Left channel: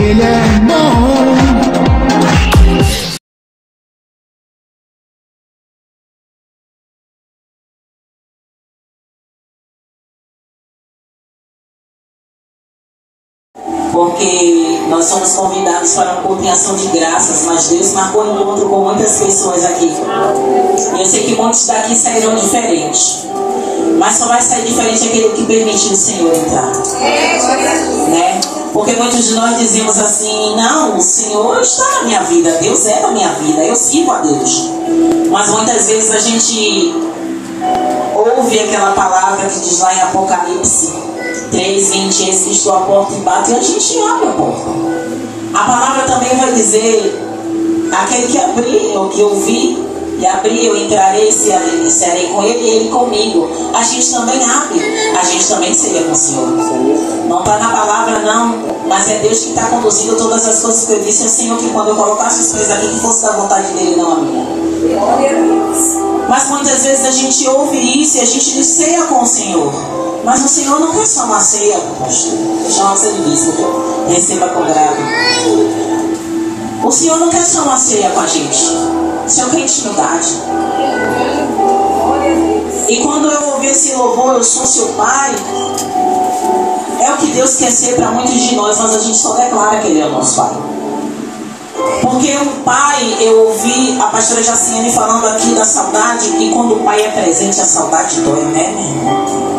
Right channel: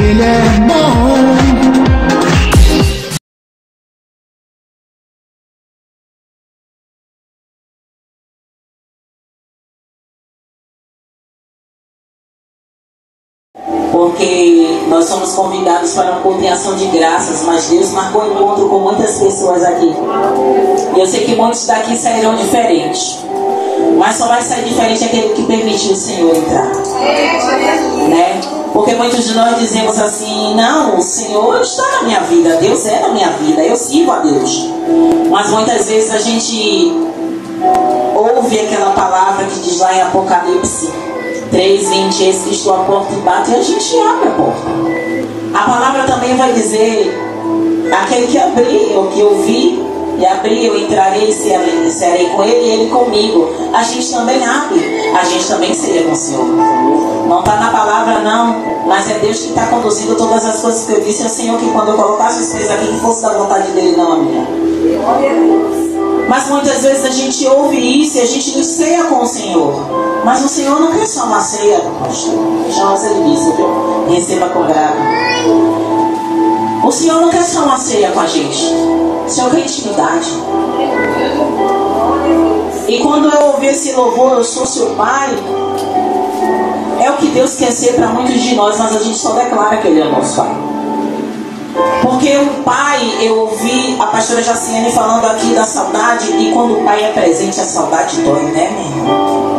Ele é bom. Porque nós somos convidados para um culto em ação de graças, mas Deus marcou encontro com muitas pessoas aqui. E eu sei que muitos daqui sairão diferentes, mas só vai sair diferente aquele que permitiu o Senhor entrar, né? Porque muitos de nós dizemos assim: não, o Senhor está na minha vida, Deus é na minha vida, eu sirvo a Deus. Mas muitas vezes a gente ouve aquela palavra que diz lá em Apocalipse 3:20, eis que estou à porta e bato, e a gente abre a porta. A palavra também vai dizer: aquele que abrir, ou que ouvir e abrir, eu entrarei e serei com ele e ele comigo. A gente também abre, a gente também seria com o Senhor. Não está na palavra não, mas é Deus que está conduzindo todas as coisas que eu disse. É o Senhor que quando eu colocasse os pés aqui, que fosse da vontade dele, não a minha. Glória a Deus. Mas muitas vezes a gente ouve isso e a gente ceia com o Senhor. Mas o Senhor não quer só uma ceia, pastor. Chama você do bispo, receba com grado. O Senhor não quer só uma ceia com a gente. O Senhor quer intimidade. E quando eu ouvi esse louvor, eu sou seu pai, é o que Deus quer ser para muitos de nós, mas a gente só declara que Ele é o nosso pai. Porque o pai, eu ouvi a pastora Jaciane falando aqui da saudade, e quando o pai é presente, a saudade dói, né, meu irmão?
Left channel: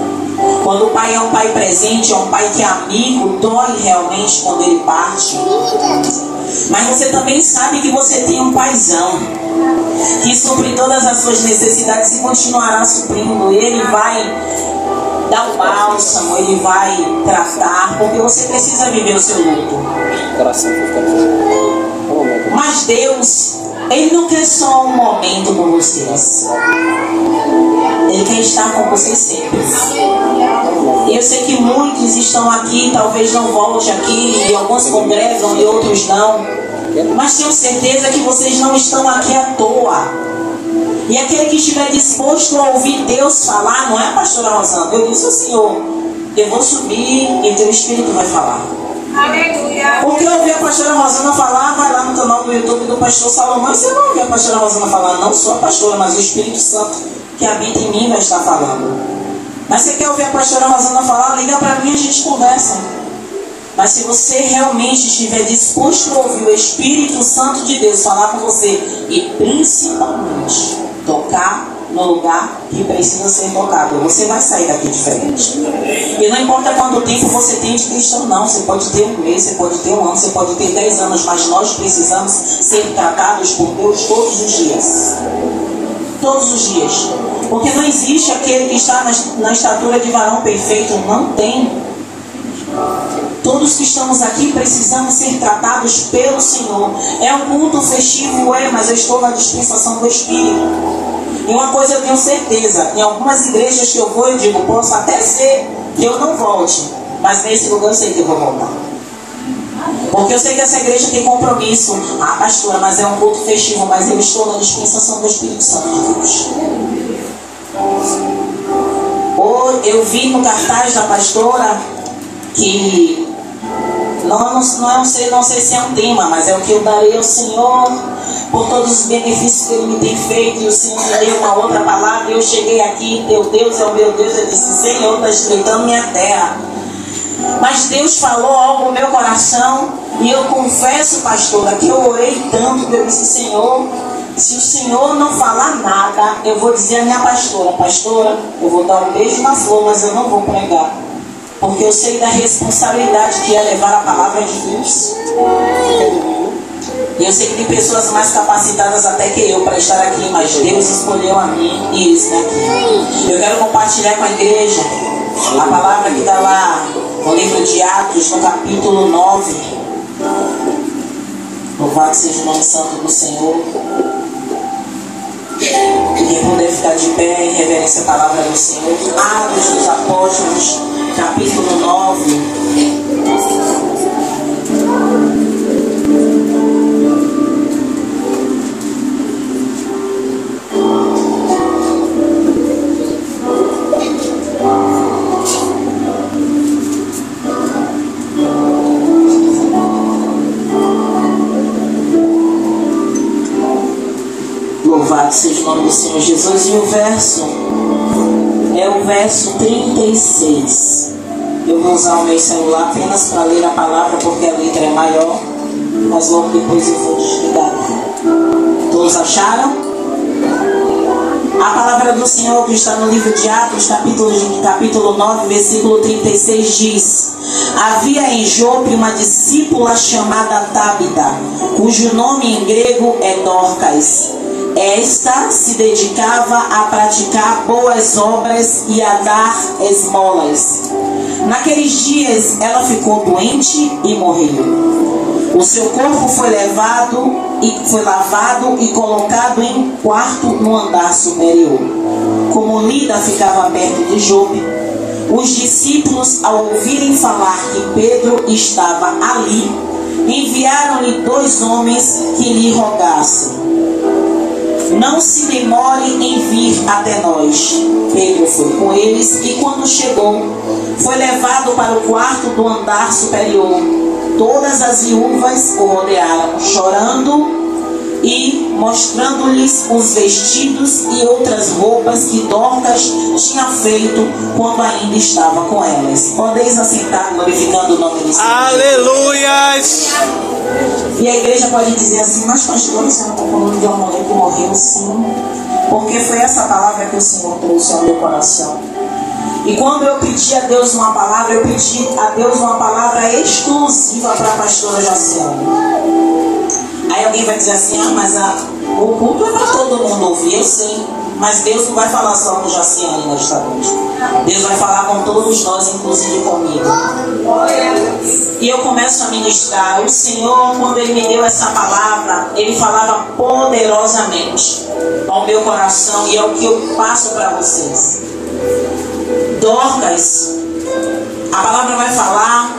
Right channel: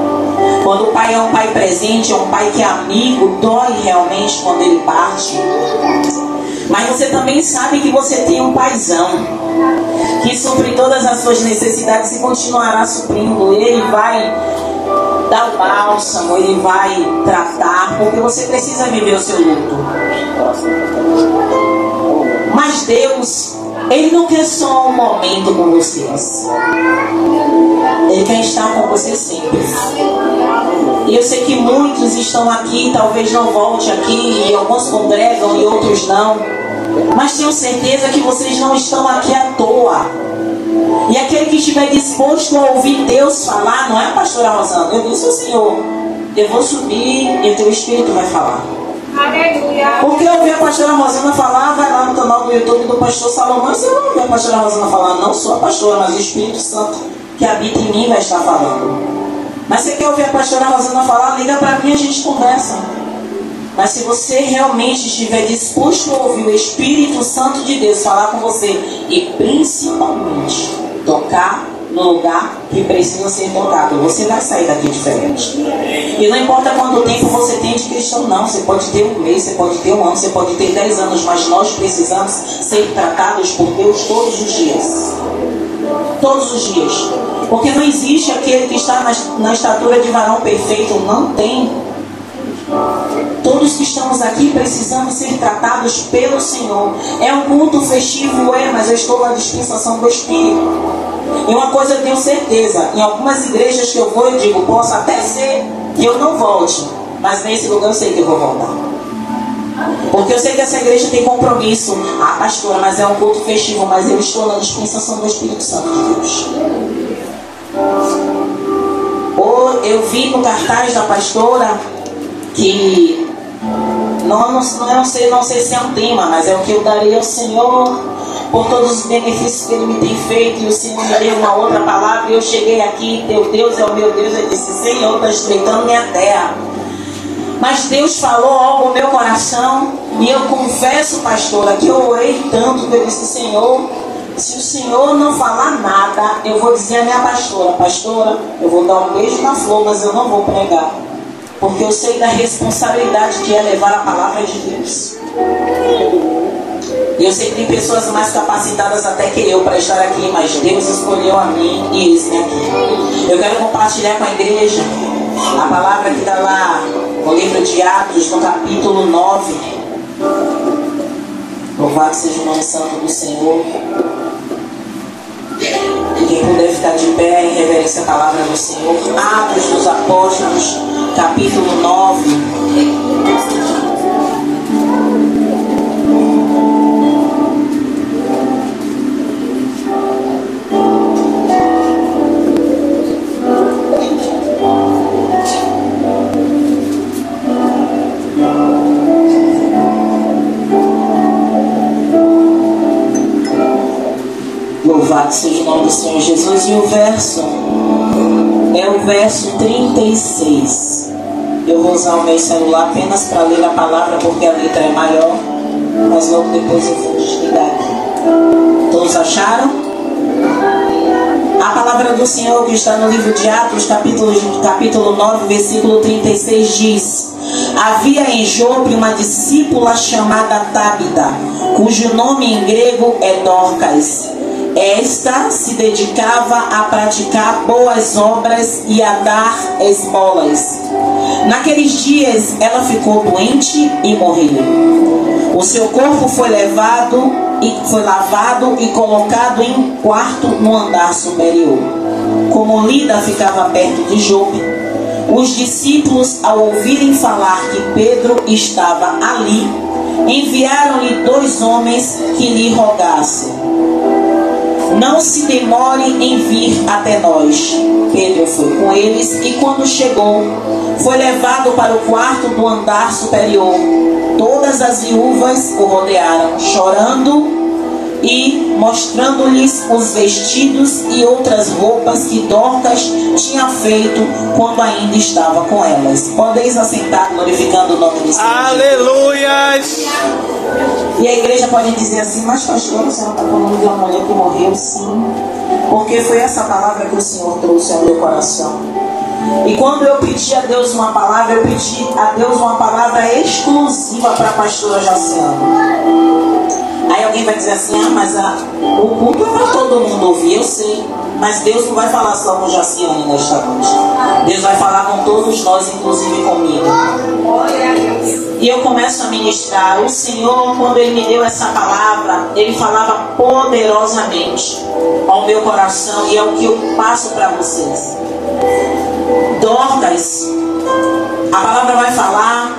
Quando o pai é um pai presente, é um pai que é amigo, dói realmente quando ele parte. Mas você também sabe que você tem um paizão que supre todas as suas necessidades e continuará suprindo. Ele vai dar o bálsamo, ele vai tratar, porque você precisa viver o seu luto. Mas Deus, Ele não quer só um momento com vocês. Ele quer estar com vocês sempre. E eu sei que muitos estão aqui, talvez não volte aqui, e alguns congregam e outros não. Mas tenho certeza que vocês não estão aqui à toa. E aquele que estiver disposto a ouvir Deus falar, não é a pastora Rosana? Eu disse ao Senhor: eu vou subir e o teu Espírito vai falar. Aleluia. Porque eu ouvi a pastora Rosana falar, vai lá no canal do YouTube do pastor Salomão, e você vai ouvir a pastora Rosana falar, não só a pastora, mas o Espírito Santo que habita em mim vai estar falando. Mas você quer ouvir a pastora Rosana falar, liga para mim e a gente conversa. Mas se você realmente estiver disposto a ouvir o Espírito Santo de Deus falar com você, e principalmente tocar no lugar que precisa ser tocado, você vai sair daqui diferente. E não importa quanto tempo você tem de cristão, não. Você pode ter um mês, você pode ter um ano, você pode ter 10 anos, mas nós precisamos ser tratados por Deus todos os dias. Todos os dias. Porque não existe aquele que está na estatura de varão perfeito. Não tem. Todos que estamos aqui precisamos ser tratados pelo Senhor. É um culto festivo, mas eu estou na dispensação do Espírito. E uma coisa eu tenho certeza, em algumas igrejas que eu vou, eu digo, posso até ser que eu não volte, mas nesse lugar eu sei que eu vou voltar. Porque eu sei que essa igreja tem compromisso. Ah, pastora, mas é um culto festivo, mas eu estou na dispensação do Espírito Santo de Deus. Ou eu vi no cartaz da pastora que não sei se é um tema, mas é o que eu darei ao Senhor por todos os benefícios que Ele me tem feito. E o Senhor me deu uma outra palavra, e eu cheguei aqui, teu Deus é o meu Deus. Eu disse: Senhor, está estreitando minha terra. Mas Deus falou algo no meu coração, e eu confesso, pastora, que eu orei tanto que eu disse: Senhor, se o Senhor não falar nada, eu vou dizer à minha pastora: pastora, eu vou dar um beijo na flor, mas eu não vou pregar, porque eu sei da responsabilidade que é levar a palavra de Deus. E eu sei que tem pessoas mais capacitadas até que eu para estar aqui, mas Deus escolheu a mim e esse aqui. Eu quero compartilhar com a igreja a palavra que está lá no livro de Atos, no capítulo 9. Louvado seja o nome santo do Senhor. E quem puder ficar de pé em reverência à palavra do Senhor. Atos dos Apóstolos, capítulo 9. do Senhor Jesus. E o verso é o verso 36. Eu vou usar o meu celular apenas para ler a palavra, porque a letra é maior, mas logo depois eu vou chegar aqui. Todos acharam? A palavra do Senhor que está no livro de Atos, capítulo 9, versículo 36 diz: havia em Jope uma discípula chamada Tábita, cujo nome em grego é Dorcas. Esta se dedicava a praticar boas obras e a dar esmolas. Naqueles dias ela ficou doente e morreu. O seu corpo foi lavado e colocado em um quarto no andar superior. Como Lida ficava perto de Jope, os discípulos, ao ouvirem falar que Pedro estava ali, enviaram-lhe 2 homens que lhe rogassem: não se demore em vir até nós. Pedro foi com eles e, quando chegou, foi levado para o quarto do andar superior. Todas as viúvas o rodearam, chorando e mostrando-lhes os vestidos e outras roupas que Dorcas tinha feito quando ainda estava com elas. Podeis assentar, glorificando o nome do Senhor. Aleluias! E a igreja pode dizer assim: mas pastor, você não está falando de uma mulher que morreu? Sim, porque foi essa palavra que o Senhor trouxe ao meu coração. E quando eu pedi a Deus uma palavra, eu pedi a Deus uma palavra exclusiva para a pastora Jaciane. Aí alguém vai dizer assim: ah, mas o culto é para todo mundo ouvir. Eu sei, mas Deus não vai falar só com Jaciane nesta noite. Deus vai falar com todos nós, inclusive comigo. E eu começo a ministrar. O Senhor, quando Ele me deu essa palavra, Ele falava poderosamente ao meu coração, e é o que eu passo para vocês. Dorcas, a palavra vai falar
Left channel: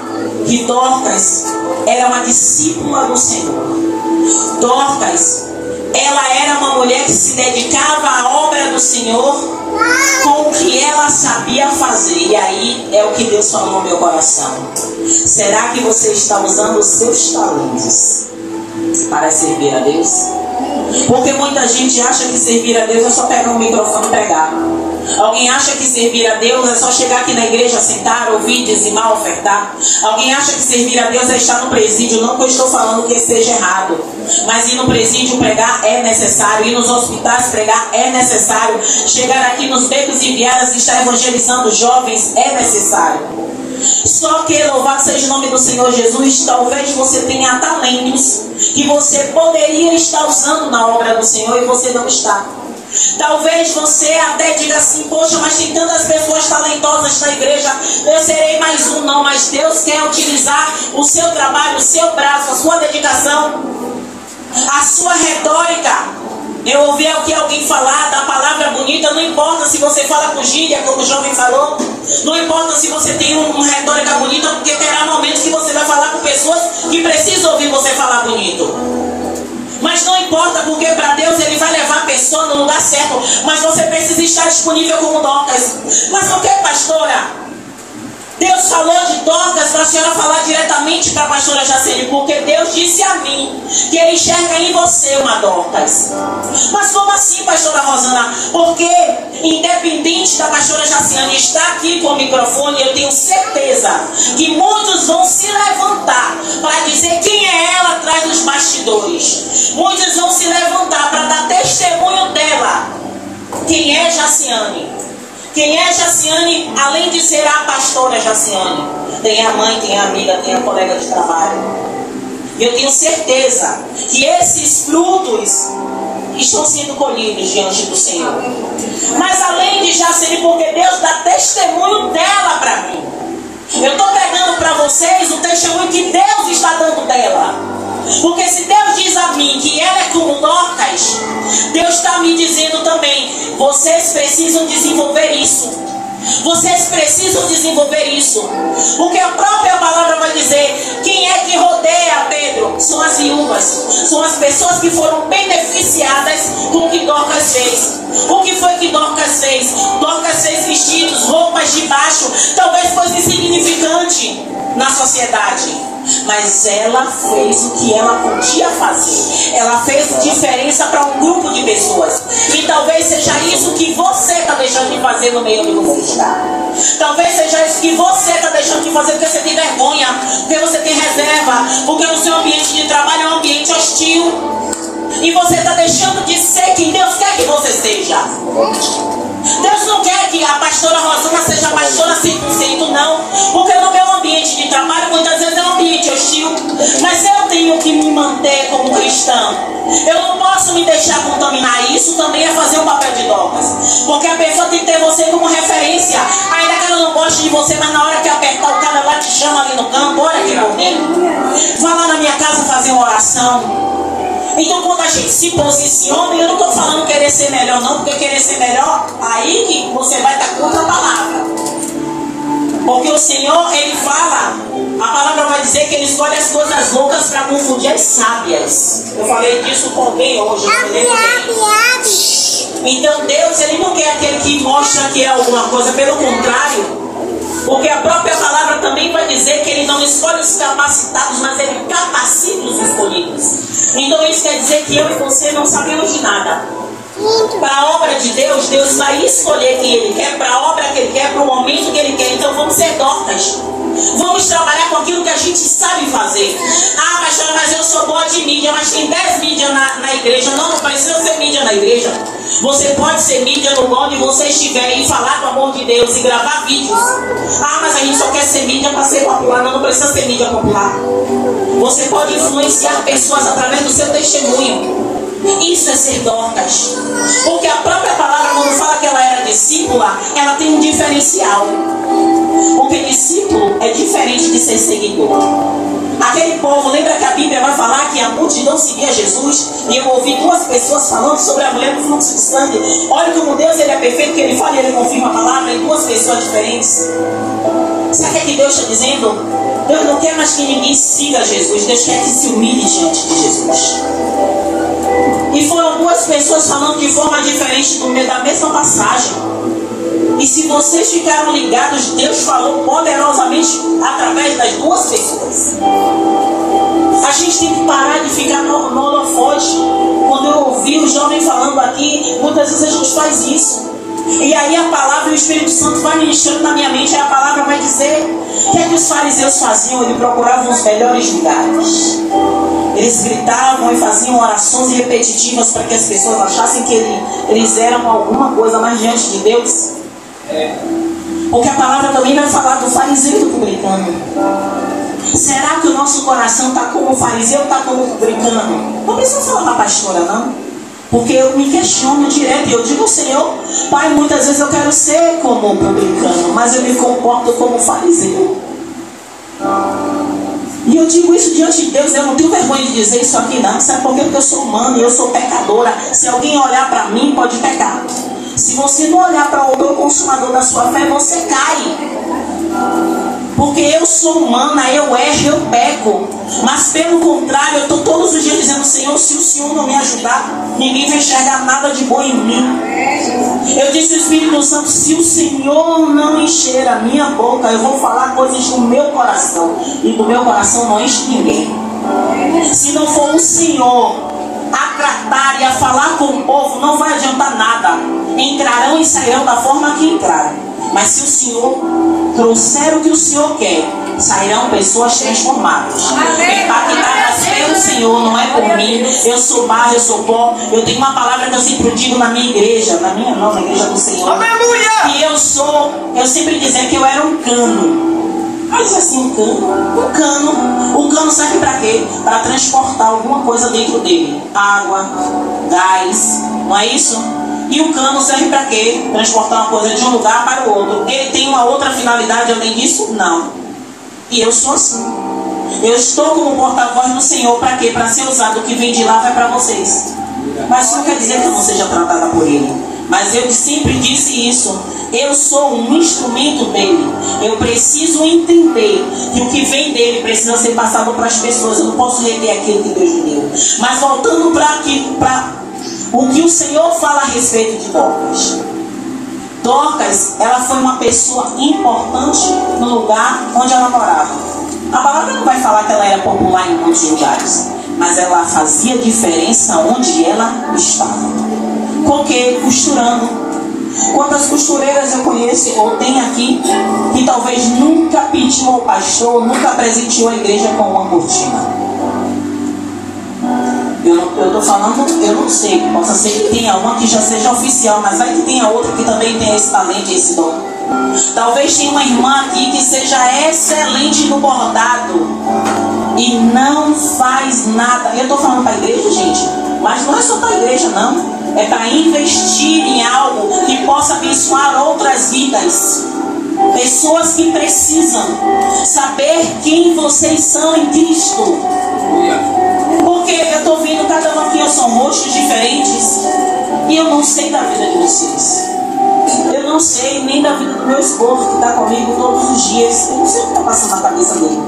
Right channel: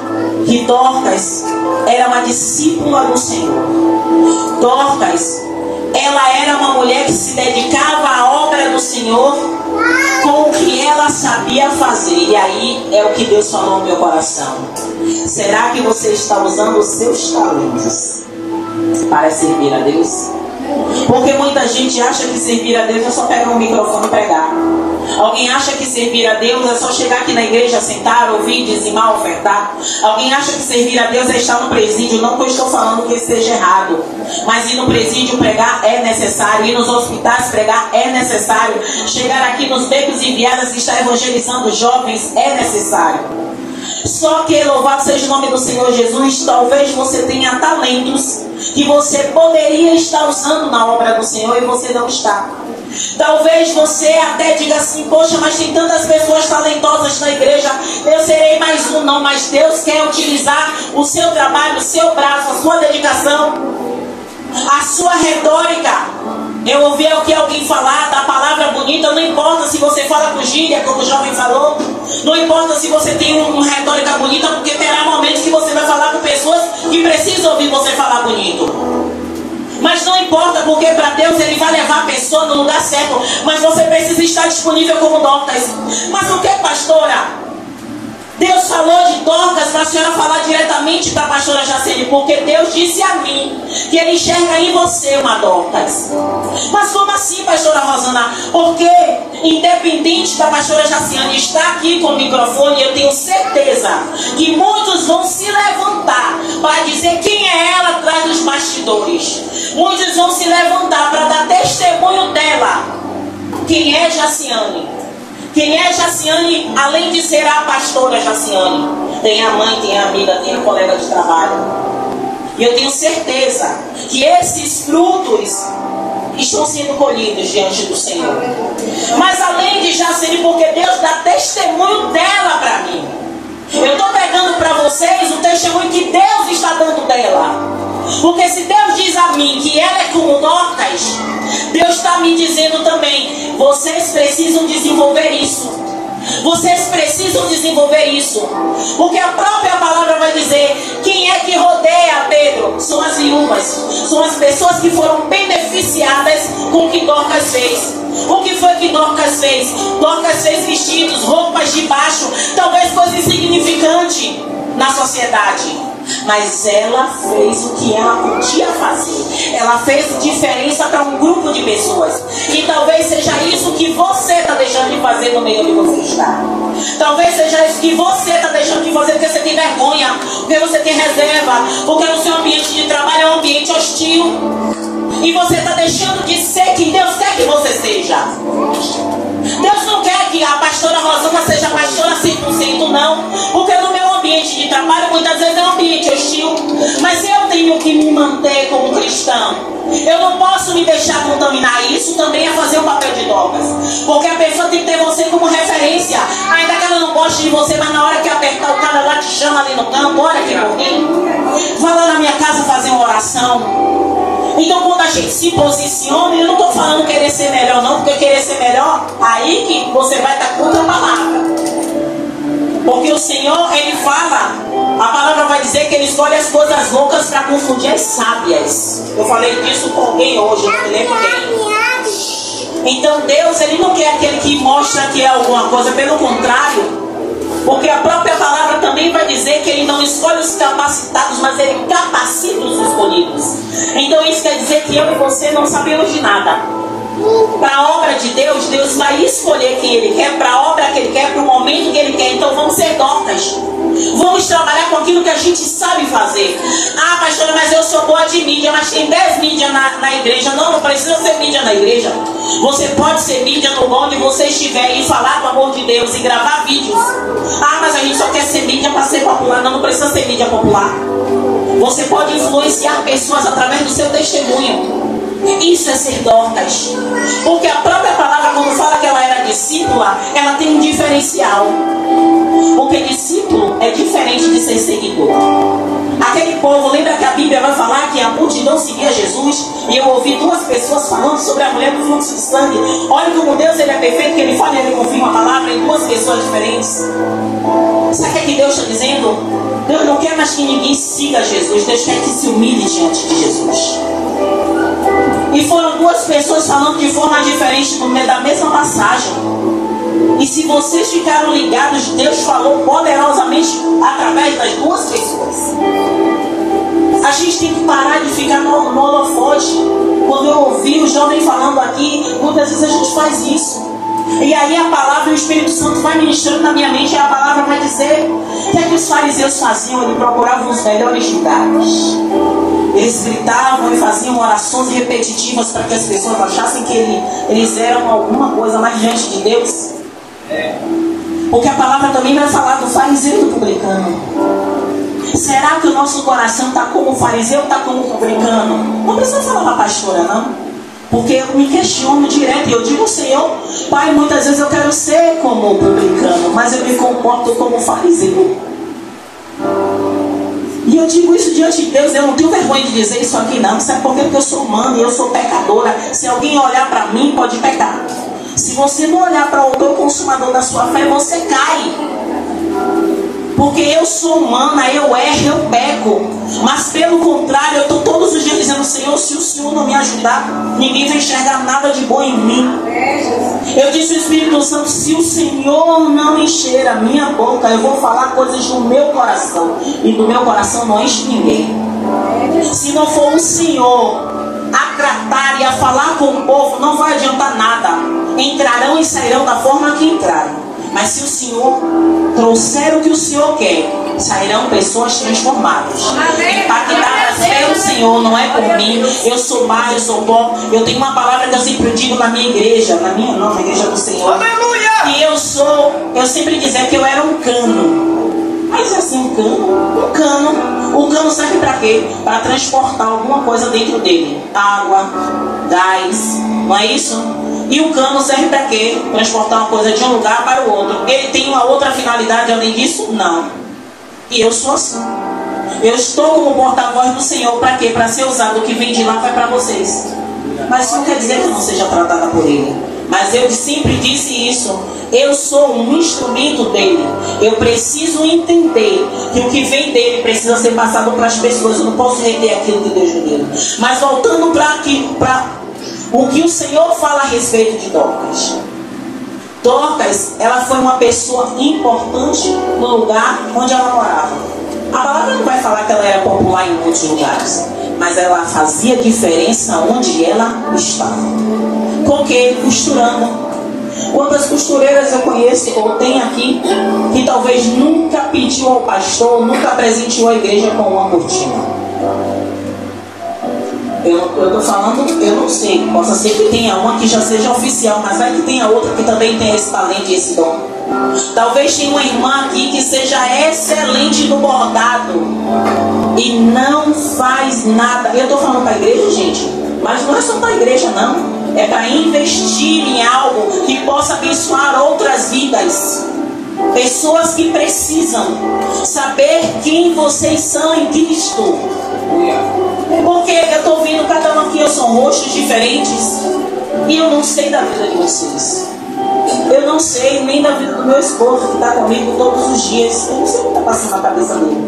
que Dorcas era uma discípula do Senhor. Dorcas, ela era uma mulher que se dedicava à obra do Senhor com o que ela sabia fazer. E aí é o que Deus falou no meu coração: será que você está usando os seus talentos para servir a Deus? Porque muita gente acha que servir a Deus é só pegar um microfone e pregar. Alguém acha que servir a Deus é só chegar aqui na igreja, sentar, ouvir, dizimar, ofertar. Alguém acha que servir a Deus é estar no presídio. Não que eu estou falando que seja errado, mas ir no presídio pregar é necessário, ir nos hospitais pregar é necessário, chegar aqui nos becos e viadas e estar evangelizando jovens é necessário. Só que, louvado seja o nome do Senhor Jesus, talvez você tenha talentos que você poderia estar usando na obra do Senhor e você não está. Talvez você até diga assim: poxa, mas tem tantas pessoas talentosas na igreja, eu serei mais um. Não, mas Deus quer utilizar o seu trabalho, o seu braço, a sua dedicação, a sua retórica. Eu ouvi aqui alguém falar da palavra bonita. Não importa se você fala com gíria, como o jovem falou. Não importa se você tem uma retórica bonita, porque terá momentos que você vai falar com pessoas que precisam ouvir você falar bonito. Mas não importa, porque para Deus Ele vai levar a pessoa no lugar certo. Mas você precisa estar disponível como Dorcas. Mas por que, pastora? Deus falou de Dorcas para a senhora falar diretamente para a pastora Jaciane, porque Deus disse a mim que Ele enxerga em você uma Dorcas. Mas como assim, pastora Rosana? Porque independente da pastora Jaciane estar aqui com o microfone, eu tenho certeza que muitos vão se levantar para dizer quem é ela atrás dos bastidores. Muitos vão se levantar para dar testemunho dela. Quem é Jaciane? Quem é Jaciane, além de ser a pastora Jaciane? Tem a mãe, tem a amiga, tem a colega de trabalho. E eu tenho certeza que esses frutos estão sendo colhidos diante do Senhor. Mas além de Jaciane, porque Deus dá testemunho dela para mim. Eu estou pegando para vocês o testemunho que Deus está dando dela. Porque se Deus diz a mim que ela é como Dorcas, Deus está me dizendo também: vocês precisam desenvolver isso. Vocês precisam desenvolver isso. Porque a própria palavra vai dizer: quem é que rodeia Pedro? São as viúvas. São as pessoas que foram beneficiadas com o que Dorcas fez. O que foi que Dorcas fez? Dorcas fez vestidos, roupas de baixo, talvez coisa insignificante na sociedade. mas ela fez o que ela podia fazer. Ela fez diferença para um grupo de pessoas. E talvez seja isso que você está deixando de fazer no meio onde você está. Talvez seja isso que você está deixando de fazer porque você tem vergonha, porque você tem reserva, porque o seu ambiente de trabalho é um ambiente hostil. E você está deixando de ser quem Deus quer que você seja. Deus não quer que a pastora Rosana seja pastora 100%, não. Porque no meu ambiente de trabalho muitas vezes é um ambiente hostil. Mas eu tenho que me manter como cristã. Eu não posso me deixar contaminar. Isso também é fazer um papel de Dorcas. Porque a pessoa tem que ter você como referência. Ainda que ela não goste de você, mas na hora que apertar o cara, ela te chama ali no canto. Ora aqui por mim. Vai lá na minha casa fazer uma oração. Então quando a gente se posiciona, eu não estou falando querer ser melhor não, porque querer ser melhor, aí que você vai estar contra a palavra. Porque o Senhor, Ele fala, a palavra vai dizer que Ele escolhe as coisas loucas para confundir as sábias. Eu falei disso com alguém hoje, não me lembro bem. Então Deus, Ele não quer aquele que mostra que é alguma coisa, pelo contrário. Porque a própria palavra também vai dizer que Ele não escolhe os capacitados, mas Ele capacita os escolhidos. Então isso quer dizer que eu e você não sabemos de nada. Para a obra de Deus, Deus vai escolher quem Ele quer, para a obra que Ele quer, para o momento que Ele quer. Então vamos ser Dorcas. Vamos trabalhar com aquilo que a gente sabe fazer. Ah, pastora, mas eu sou boa de mídia, mas tem 10 mídias na igreja. Não, não precisa ser mídia na igreja. Você pode ser mídia no lugar onde você estiver e falar do amor de Deus e gravar vídeos. Ah, mas a gente só quer ser mídia para ser popular. Não, não precisa ser mídia popular. Você pode influenciar pessoas através do seu testemunho. Isso é ser Dorcas. Porque a própria palavra, quando fala que ela era discípula, ela tem um diferencial. Porque discípulo é diferente de ser seguidor. Aquele povo, lembra que a Bíblia vai falar que a multidão seguia Jesus? E eu ouvi duas pessoas falando sobre a mulher do fluxo de sangue. Olha como Deus, Ele é perfeito, que Ele fala e Ele confirma a palavra em duas pessoas diferentes. Sabe o que Deus está dizendo? Deus não quer mais que ninguém siga Jesus. Deus quer que se humilhe diante de Jesus. E foram duas pessoas falando de forma diferente no meio da mesma passagem. E se vocês ficaram ligados, Deus falou poderosamente através das duas pessoas. A gente tem que parar de ficar no holofote. Quando eu ouvi o jovem falando aqui, muitas vezes a gente faz isso. E aí a palavra, o Espírito Santo vai ministrando na minha mente, e a palavra vai dizer o que é que os fariseus faziam? Eles procuravam os melhores lugares. Eles gritavam e faziam orações repetitivas para que as pessoas achassem que eles eram alguma coisa mais diante de Deus. Porque a palavra também vai falar do fariseu e do publicano. Será que o nosso coração está como o fariseu ou está como o publicano? Não precisa falar para a pastora, não. Porque eu me questiono direto e eu digo, Senhor, Pai, muitas vezes eu quero ser como o publicano, mas eu me comporto como fariseu. E eu digo isso diante de Deus, eu não tenho vergonha de dizer isso aqui não. Sabe por quê? Porque eu sou humana e eu sou pecadora. Se alguém olhar para mim, pode pecar. Se você não olhar para o meu consumador da sua fé, você cai. Porque eu sou humana, eu erro, eu peco. Mas pelo contrário, eu estou todos os dias dizendo, Senhor, se o Senhor não me ajudar, ninguém vai enxergar nada de bom em mim. Eu disse ao Espírito Santo, se o Senhor não encher a minha boca, eu vou falar coisas do meu coração. E do meu coração não enche ninguém. Se não for o Senhor a tratar e a falar com o povo, não vai adiantar nada. Entrarão e sairão da forma que entraram. Mas se o Senhor trouxer o que o Senhor quer, sairão pessoas transformadas, impactadas pelo Senhor, não é por mim. Eu sou barro, eu sou pó. Eu tenho uma palavra que eu sempre digo na minha igreja, na minha não, na igreja do Senhor. Aleluia! E eu sempre dizia que eu era um cano. Mas assim, um cano. O cano serve para quê? Para transportar alguma coisa dentro dele. Água, gás, não é isso? E o cano serve para quê? Transportar uma coisa de um lugar para o outro. Ele tem uma outra finalidade além disso? Não. E eu sou assim. Eu estou como porta-voz do Senhor. Para quê? Para ser usado. O que vem de lá vai para vocês. Mas isso não quer dizer que eu não seja tratada por Ele. Mas eu sempre disse isso. Eu sou um instrumento dele. Eu preciso entender que o que vem dele precisa ser passado para as pessoas. Eu não posso reter aquilo que Deus me deu. Mas voltando para o que o Senhor fala a respeito de Dorcas. Dorcas, ela foi uma pessoa importante no lugar onde ela morava. A palavra não vai falar que ela era popular em muitos lugares, mas ela fazia diferença onde ela estava. Com que? Costurando. Quantas costureiras eu conheço ou tem aqui que talvez nunca pediu ao pastor, nunca presenteou a igreja com uma cortina? Eu estou falando, eu não sei, possa ser que tenha uma que já seja oficial, mas vai que tenha outra que também tenha esse talento e esse dom. Talvez tenha uma irmã aqui que seja excelente no bordado e não faz nada. Eu estou falando para a igreja, gente, mas não é só para a igreja, não. É para investir em algo que possa abençoar outras vidas. Pessoas que precisam saber quem vocês são em Cristo. Porque eu estou vendo cada um aqui, são rostos diferentes, e eu não sei da vida de vocês. Eu não sei nem da vida do meu esposo que está comigo todos os dias. Eu não sei o que está passando na cabeça dele.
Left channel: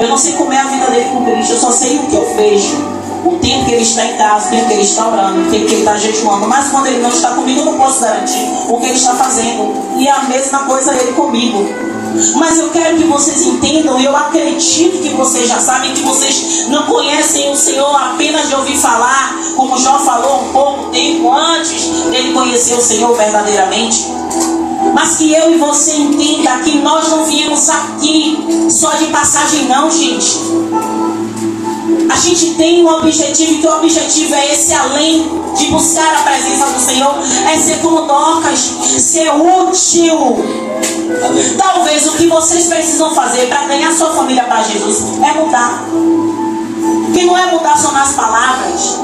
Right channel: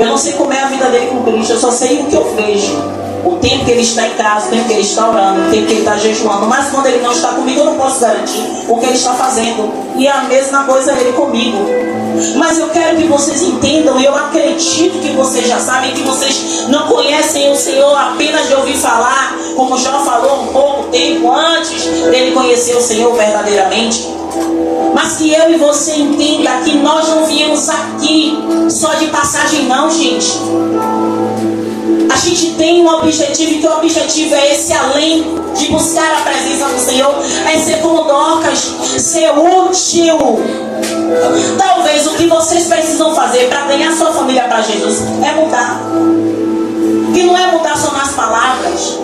Eu não sei como é a vida dele com Cristo. Eu só sei o que eu vejo. O tempo que ele está em casa, o tempo que ele está orando, o tempo que ele está jejuando. Mas quando ele não está comigo, eu não posso garantir o que ele está fazendo. E a mesma coisa ele comigo. Mas eu quero que vocês entendam, eu acredito que vocês já sabem, que vocês não conhecem o Senhor apenas de ouvir falar, como Jó falou um pouco tempo antes dele conhecer o Senhor verdadeiramente. Mas que eu e você entenda que nós não viemos aqui só de passagem não, gente. A gente tem um objetivo, e que o objetivo é esse, além de buscar a presença do Senhor, é ser como Dorcas, ser útil. Talvez o que vocês precisam fazer para ganhar sua família para Jesus é mudar. Que não é mudar só nas palavras.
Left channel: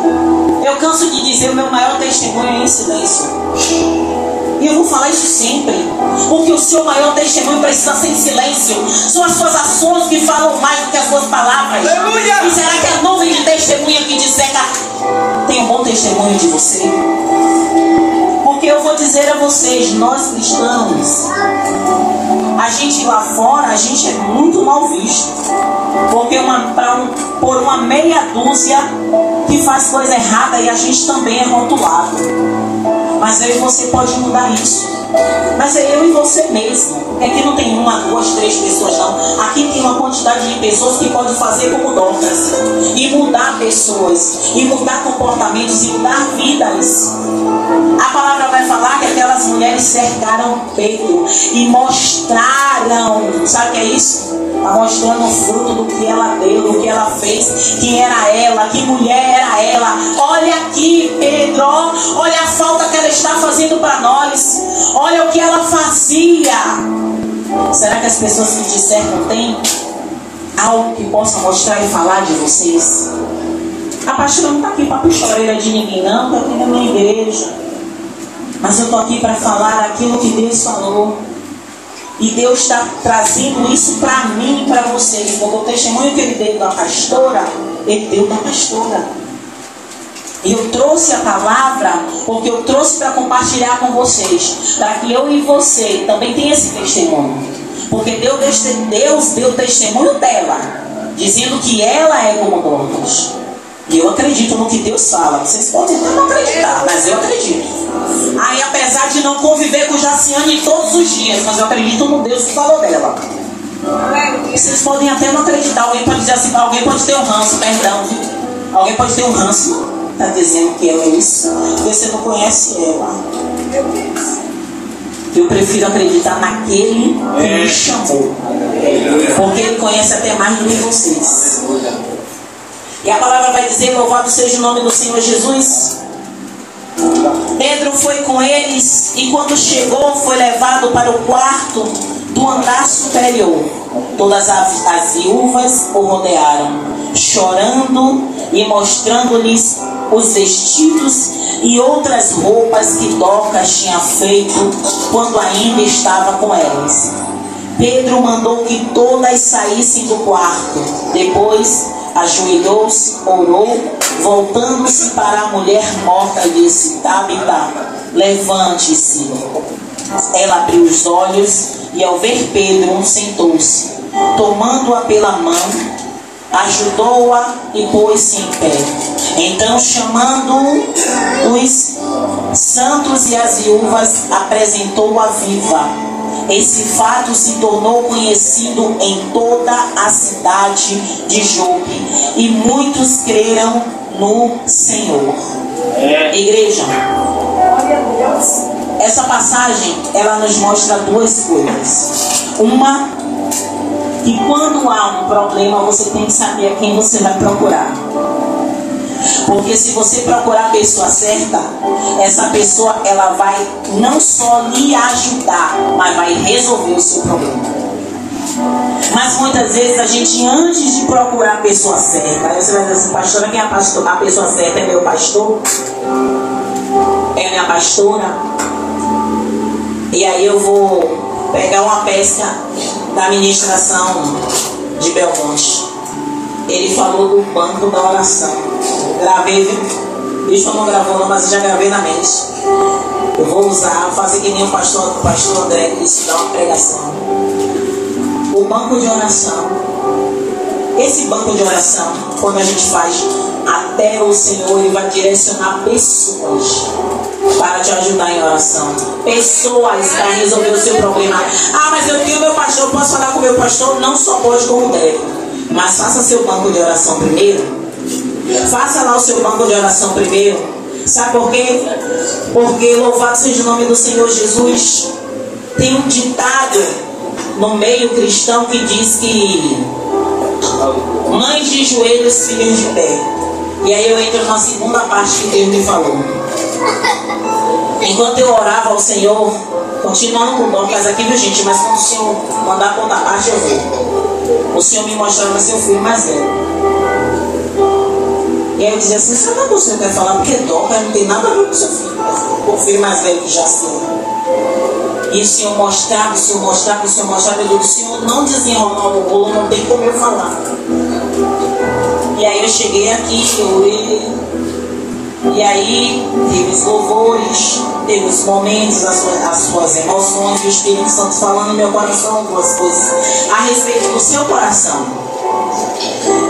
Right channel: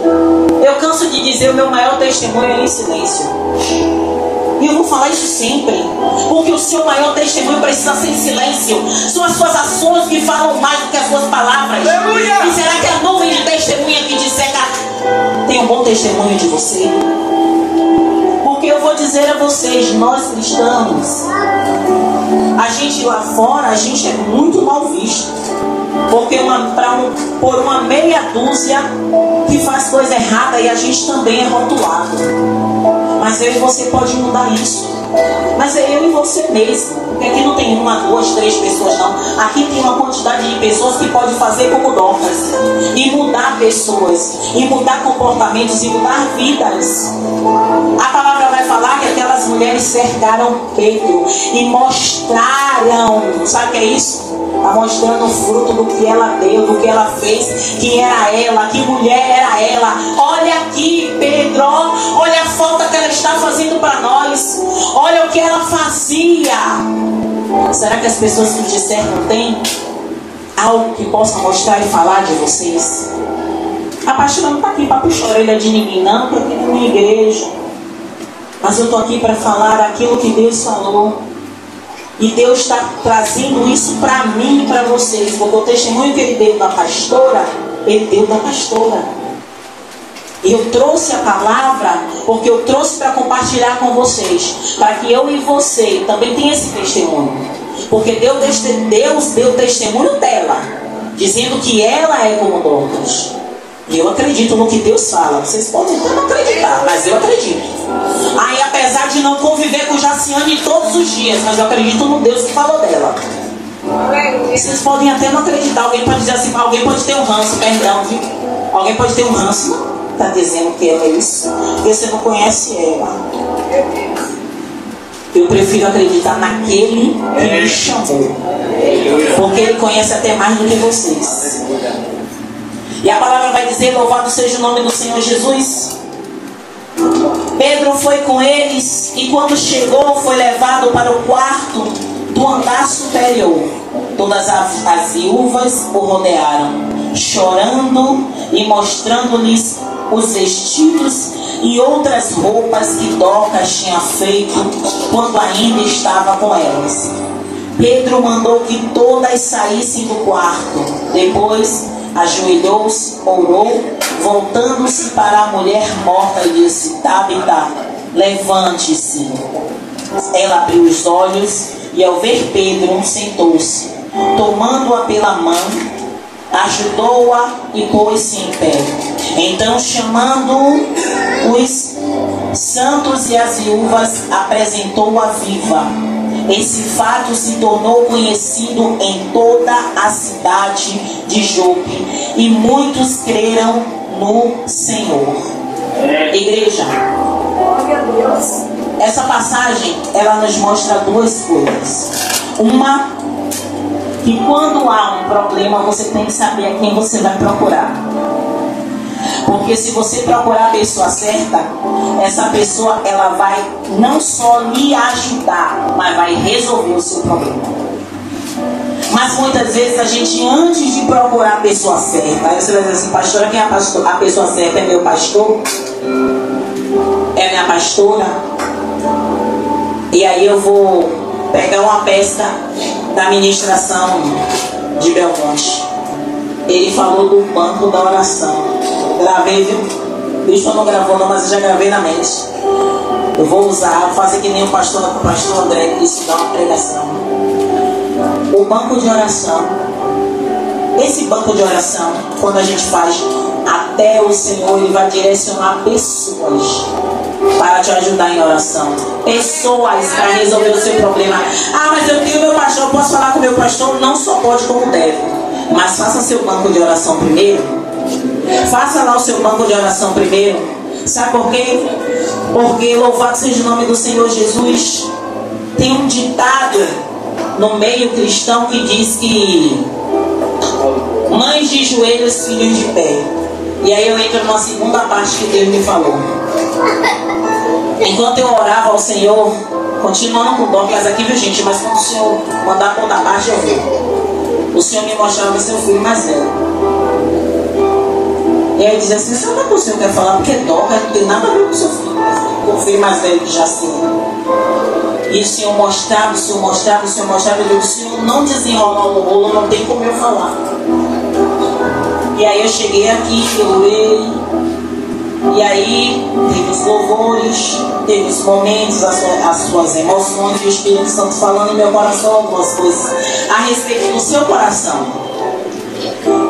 Eu canso de dizer, o meu maior testemunho é em silêncio. E eu vou falar isso sempre, porque o seu maior testemunho precisa ser em silêncio. São as suas ações que falam mais do que as suas palavras. Aleluia! E será que a nuvem de testemunha que disseca tem um bom testemunho de você? Porque eu vou dizer a vocês, nós cristãos, a gente lá fora, a gente é muito mal visto. Porque por uma meia dúzia que faz coisa errada, e a gente também é rotulado. Mas eu e você pode mudar isso. Mas é eu e você mesmo. Porque aqui não tem uma, duas, três pessoas não. Aqui tem uma quantidade de pessoas que pode fazer como Dorcas. E mudar pessoas. E mudar comportamentos. E mudar vidas. A palavra vai falar que aquelas mulheres cercaram Pedro. E mostraram. Sabe o que é isso? Está mostrando o fruto do que ela deu, do que ela fez, quem era ela, que mulher era ela. Olha aqui, Pedro, olha a falta que ela está fazendo para nós, olha o que ela fazia. Será que as pessoas que te cercam têm algo que possa mostrar e falar de vocês? A pastora não está aqui para puxar a orelha de ninguém, não, que eu tenho na minha igreja. Mas eu estou aqui para falar daquilo que Deus falou. E Deus está trazendo isso para mim e para vocês. Porque o testemunho que Ele deu da pastora, Ele deu da pastora. E eu trouxe a palavra porque eu trouxe para compartilhar com vocês. Para que eu e você também tenham esse testemunho. Porque Deus deu testemunho dela, dizendo que ela é como Dorcas. E eu acredito no que Deus fala. Vocês podem até não acreditar, mas eu acredito. Aí, apesar de não conviver com Jaciane todos os dias, mas eu acredito no Deus que falou dela. Vocês podem até não acreditar. Alguém pode dizer assim, alguém pode ter um ranço, perdão, viu? Alguém pode ter um ranço. Não está dizendo que ela é isso, porque você não conhece ela. Eu prefiro acreditar naquele que me chamou, porque Ele conhece até mais do que vocês. E a palavra vai dizer, louvado seja o nome do Senhor Jesus. Pedro foi com eles, e quando chegou, foi levado para o quarto do andar superior. Todas as viúvas o rodearam, chorando e mostrando-lhes os vestidos e outras roupas que Dorcas tinha feito quando ainda estava com elas. Pedro mandou que todas saíssem do quarto. Depois ajoelhou-se, orou, voltando-se para a mulher morta, disse: Tabita, levante-se. Ela abriu os olhos e, ao ver Pedro, sentou-se. Tomando-a pela mão, ajudou-a e pôs-se em pé. Então, chamando os santos e as viúvas, apresentou-a viva. esse fato se tornou conhecido em toda a cidade de Jope, e muitos creram no Senhor. Igreja, essa passagem, ela nos mostra duas coisas. Uma, que quando há um problema, você tem que saber a quem você vai procurar. Porque se você procurar a pessoa certa, essa pessoa, ela vai não só lhe ajudar, mas vai resolver o seu problema. Mas muitas vezes a gente, antes de procurar a pessoa certa, aí você vai dizer assim: pastora, quem é a pessoa certa? É meu pastor? É minha pastora? E aí eu vou pegar uma peça da ministração de Belmonte. Ele falou do banco da oração. Gravei, viu? Bicho não gravou não, mas eu já gravei na mente. Eu vou usar, vou fazer que nem o pastor André, que disse, dar uma pregação. O banco de oração. Esse banco de oração, quando a gente faz, até o Senhor, Ele vai direcionar pessoas para te ajudar em oração. Pessoas para resolver o seu problema. Ah, mas eu tenho meu pastor, eu posso falar com o meu pastor? Não só pode como deve. Mas faça seu banco de oração primeiro. Faça lá o seu banco de oração primeiro. Sabe por quê? Porque louvado seja o nome do Senhor Jesus. Tem um ditado no meio cristão que diz que mães de joelhos, filhos de pé. E aí eu entro na segunda parte que Deus me falou. Enquanto eu orava ao Senhor, continuando com o banco, mas aqui, viu gente, mas quando o Senhor mandar a conta parte, eu vou. O Senhor me mostrava seu filho mais velho. E aí eu dizia assim: sabe o que o Senhor quer falar? Porque toca, não tem nada a ver com o seu filho. Com o filho mais velho que já sei. E o Senhor mostrava, o Senhor mostrava, o Senhor mostrava. Eu digo: o Senhor não desenrolar o rolo, não tem como eu falar. E aí eu cheguei aqui, eu orei. E aí teve os louvores, teve os momentos, as suas emoções, e o Espírito Santo falando no meu coração algumas coisas a respeito do seu coração.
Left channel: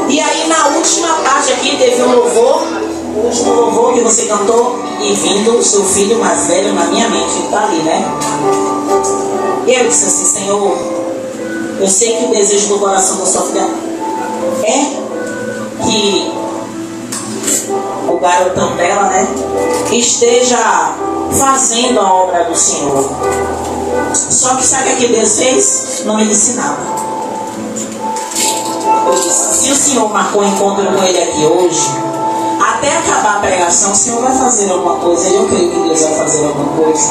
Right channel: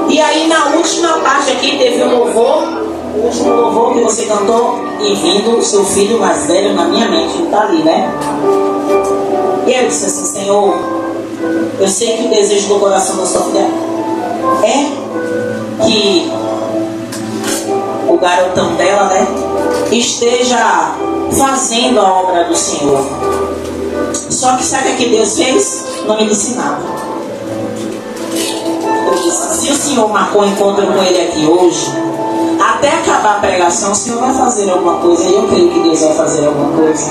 E aí na última parte aqui teve um louvor, o último louvor que você cantou, e vindo o seu filho mais velho na minha mente, ele está ali, né? E eu disse assim: Senhor, eu sei que o desejo do coração da sua filha é que o garotão dela, né, esteja fazendo a obra do Senhor. Só que sabe o que Deus fez? Não me disse nada. Eu disse: se o Senhor marcou um encontro com ele aqui hoje, até acabar a pregação, o Senhor vai fazer alguma coisa. E eu creio que Deus vai fazer alguma coisa.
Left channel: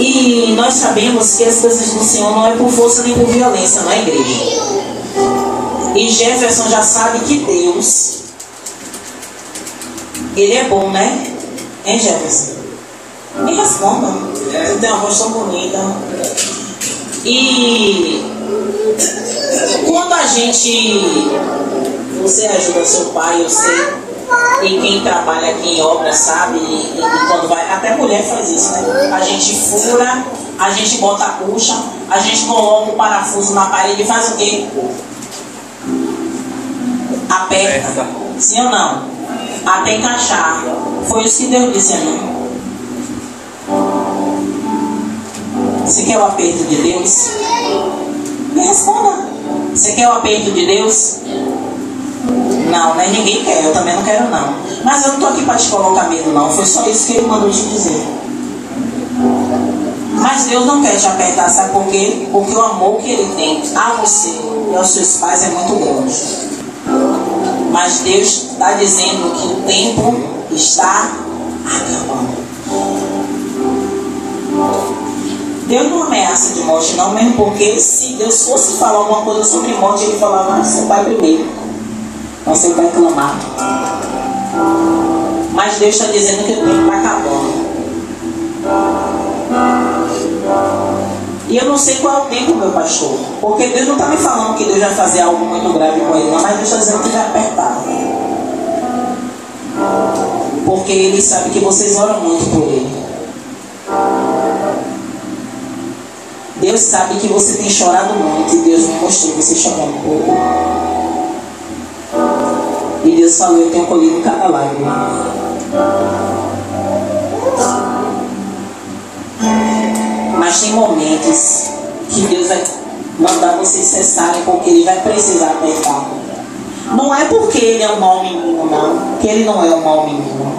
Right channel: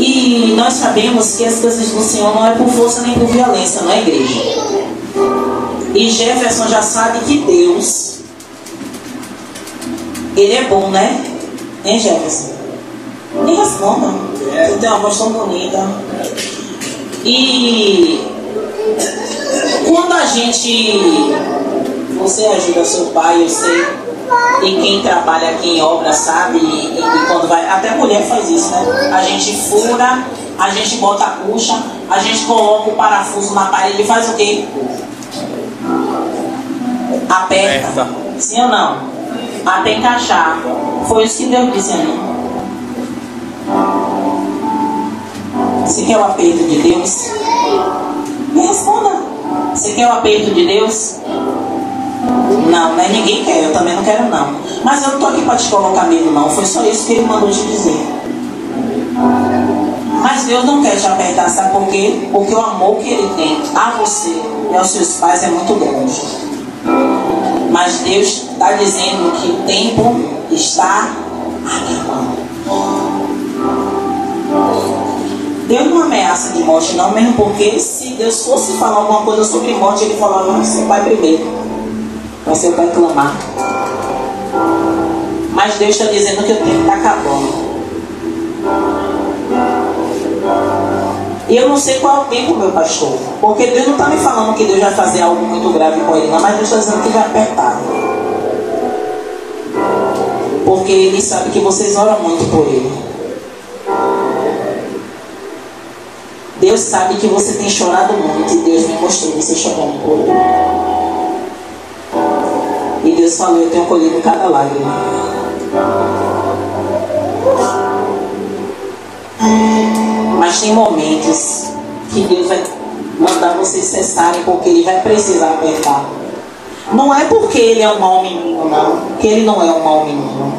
E nós sabemos que as coisas do Senhor não é por força nem por violência, não é, igreja? E Jefferson já sabe que Deus, Ele é bom, né? Hein, Jefferson? Me responda. Você tem uma voz tão bonita. E quando a gente... Você ajuda seu pai, eu sei. E quem trabalha aqui em obra sabe, e quando vai, até mulher faz isso, né? A gente fura, a gente bota a cuxa, a gente coloca o parafuso na parede e faz o quê? Aperta. Sim ou não? Até encaixar. Foi isso que Deus disse a mim. Você quer o aperto de Deus? Me responda. Você quer o aperto de Deus? Não, né? Ninguém quer, eu também não quero não. Mas eu não estou aqui para te colocar medo não. Foi só isso que Ele mandou te dizer. Mas Deus não quer te apertar, sabe por quê? Porque o amor que Ele tem a você e aos seus pais é muito grande. Mas Deus está dizendo que o tempo está acabando. Deus não ameaça de morte não, mesmo porque se Deus fosse falar alguma coisa sobre morte, Ele falava: seu pai primeiro. Você vai clamar. Mas Deus está dizendo que o tempo está acabando. E eu não sei qual é o tempo, meu pastor. Porque Deus não está me falando que Deus vai fazer algo muito grave com ele, não. Mas Deus está dizendo que vai apertar. Porque Ele sabe que vocês oram muito por Ele. Deus sabe que você tem chorado muito. E Deus me mostrou você chorando por Ele. E Deus falou: eu tenho colhido cada lágrima. Mas tem momentos que Deus vai mandar vocês cessarem, porque Ele vai precisar apertar. Não é porque Ele é um mau menino, não. Porque Ele não é um mau menino.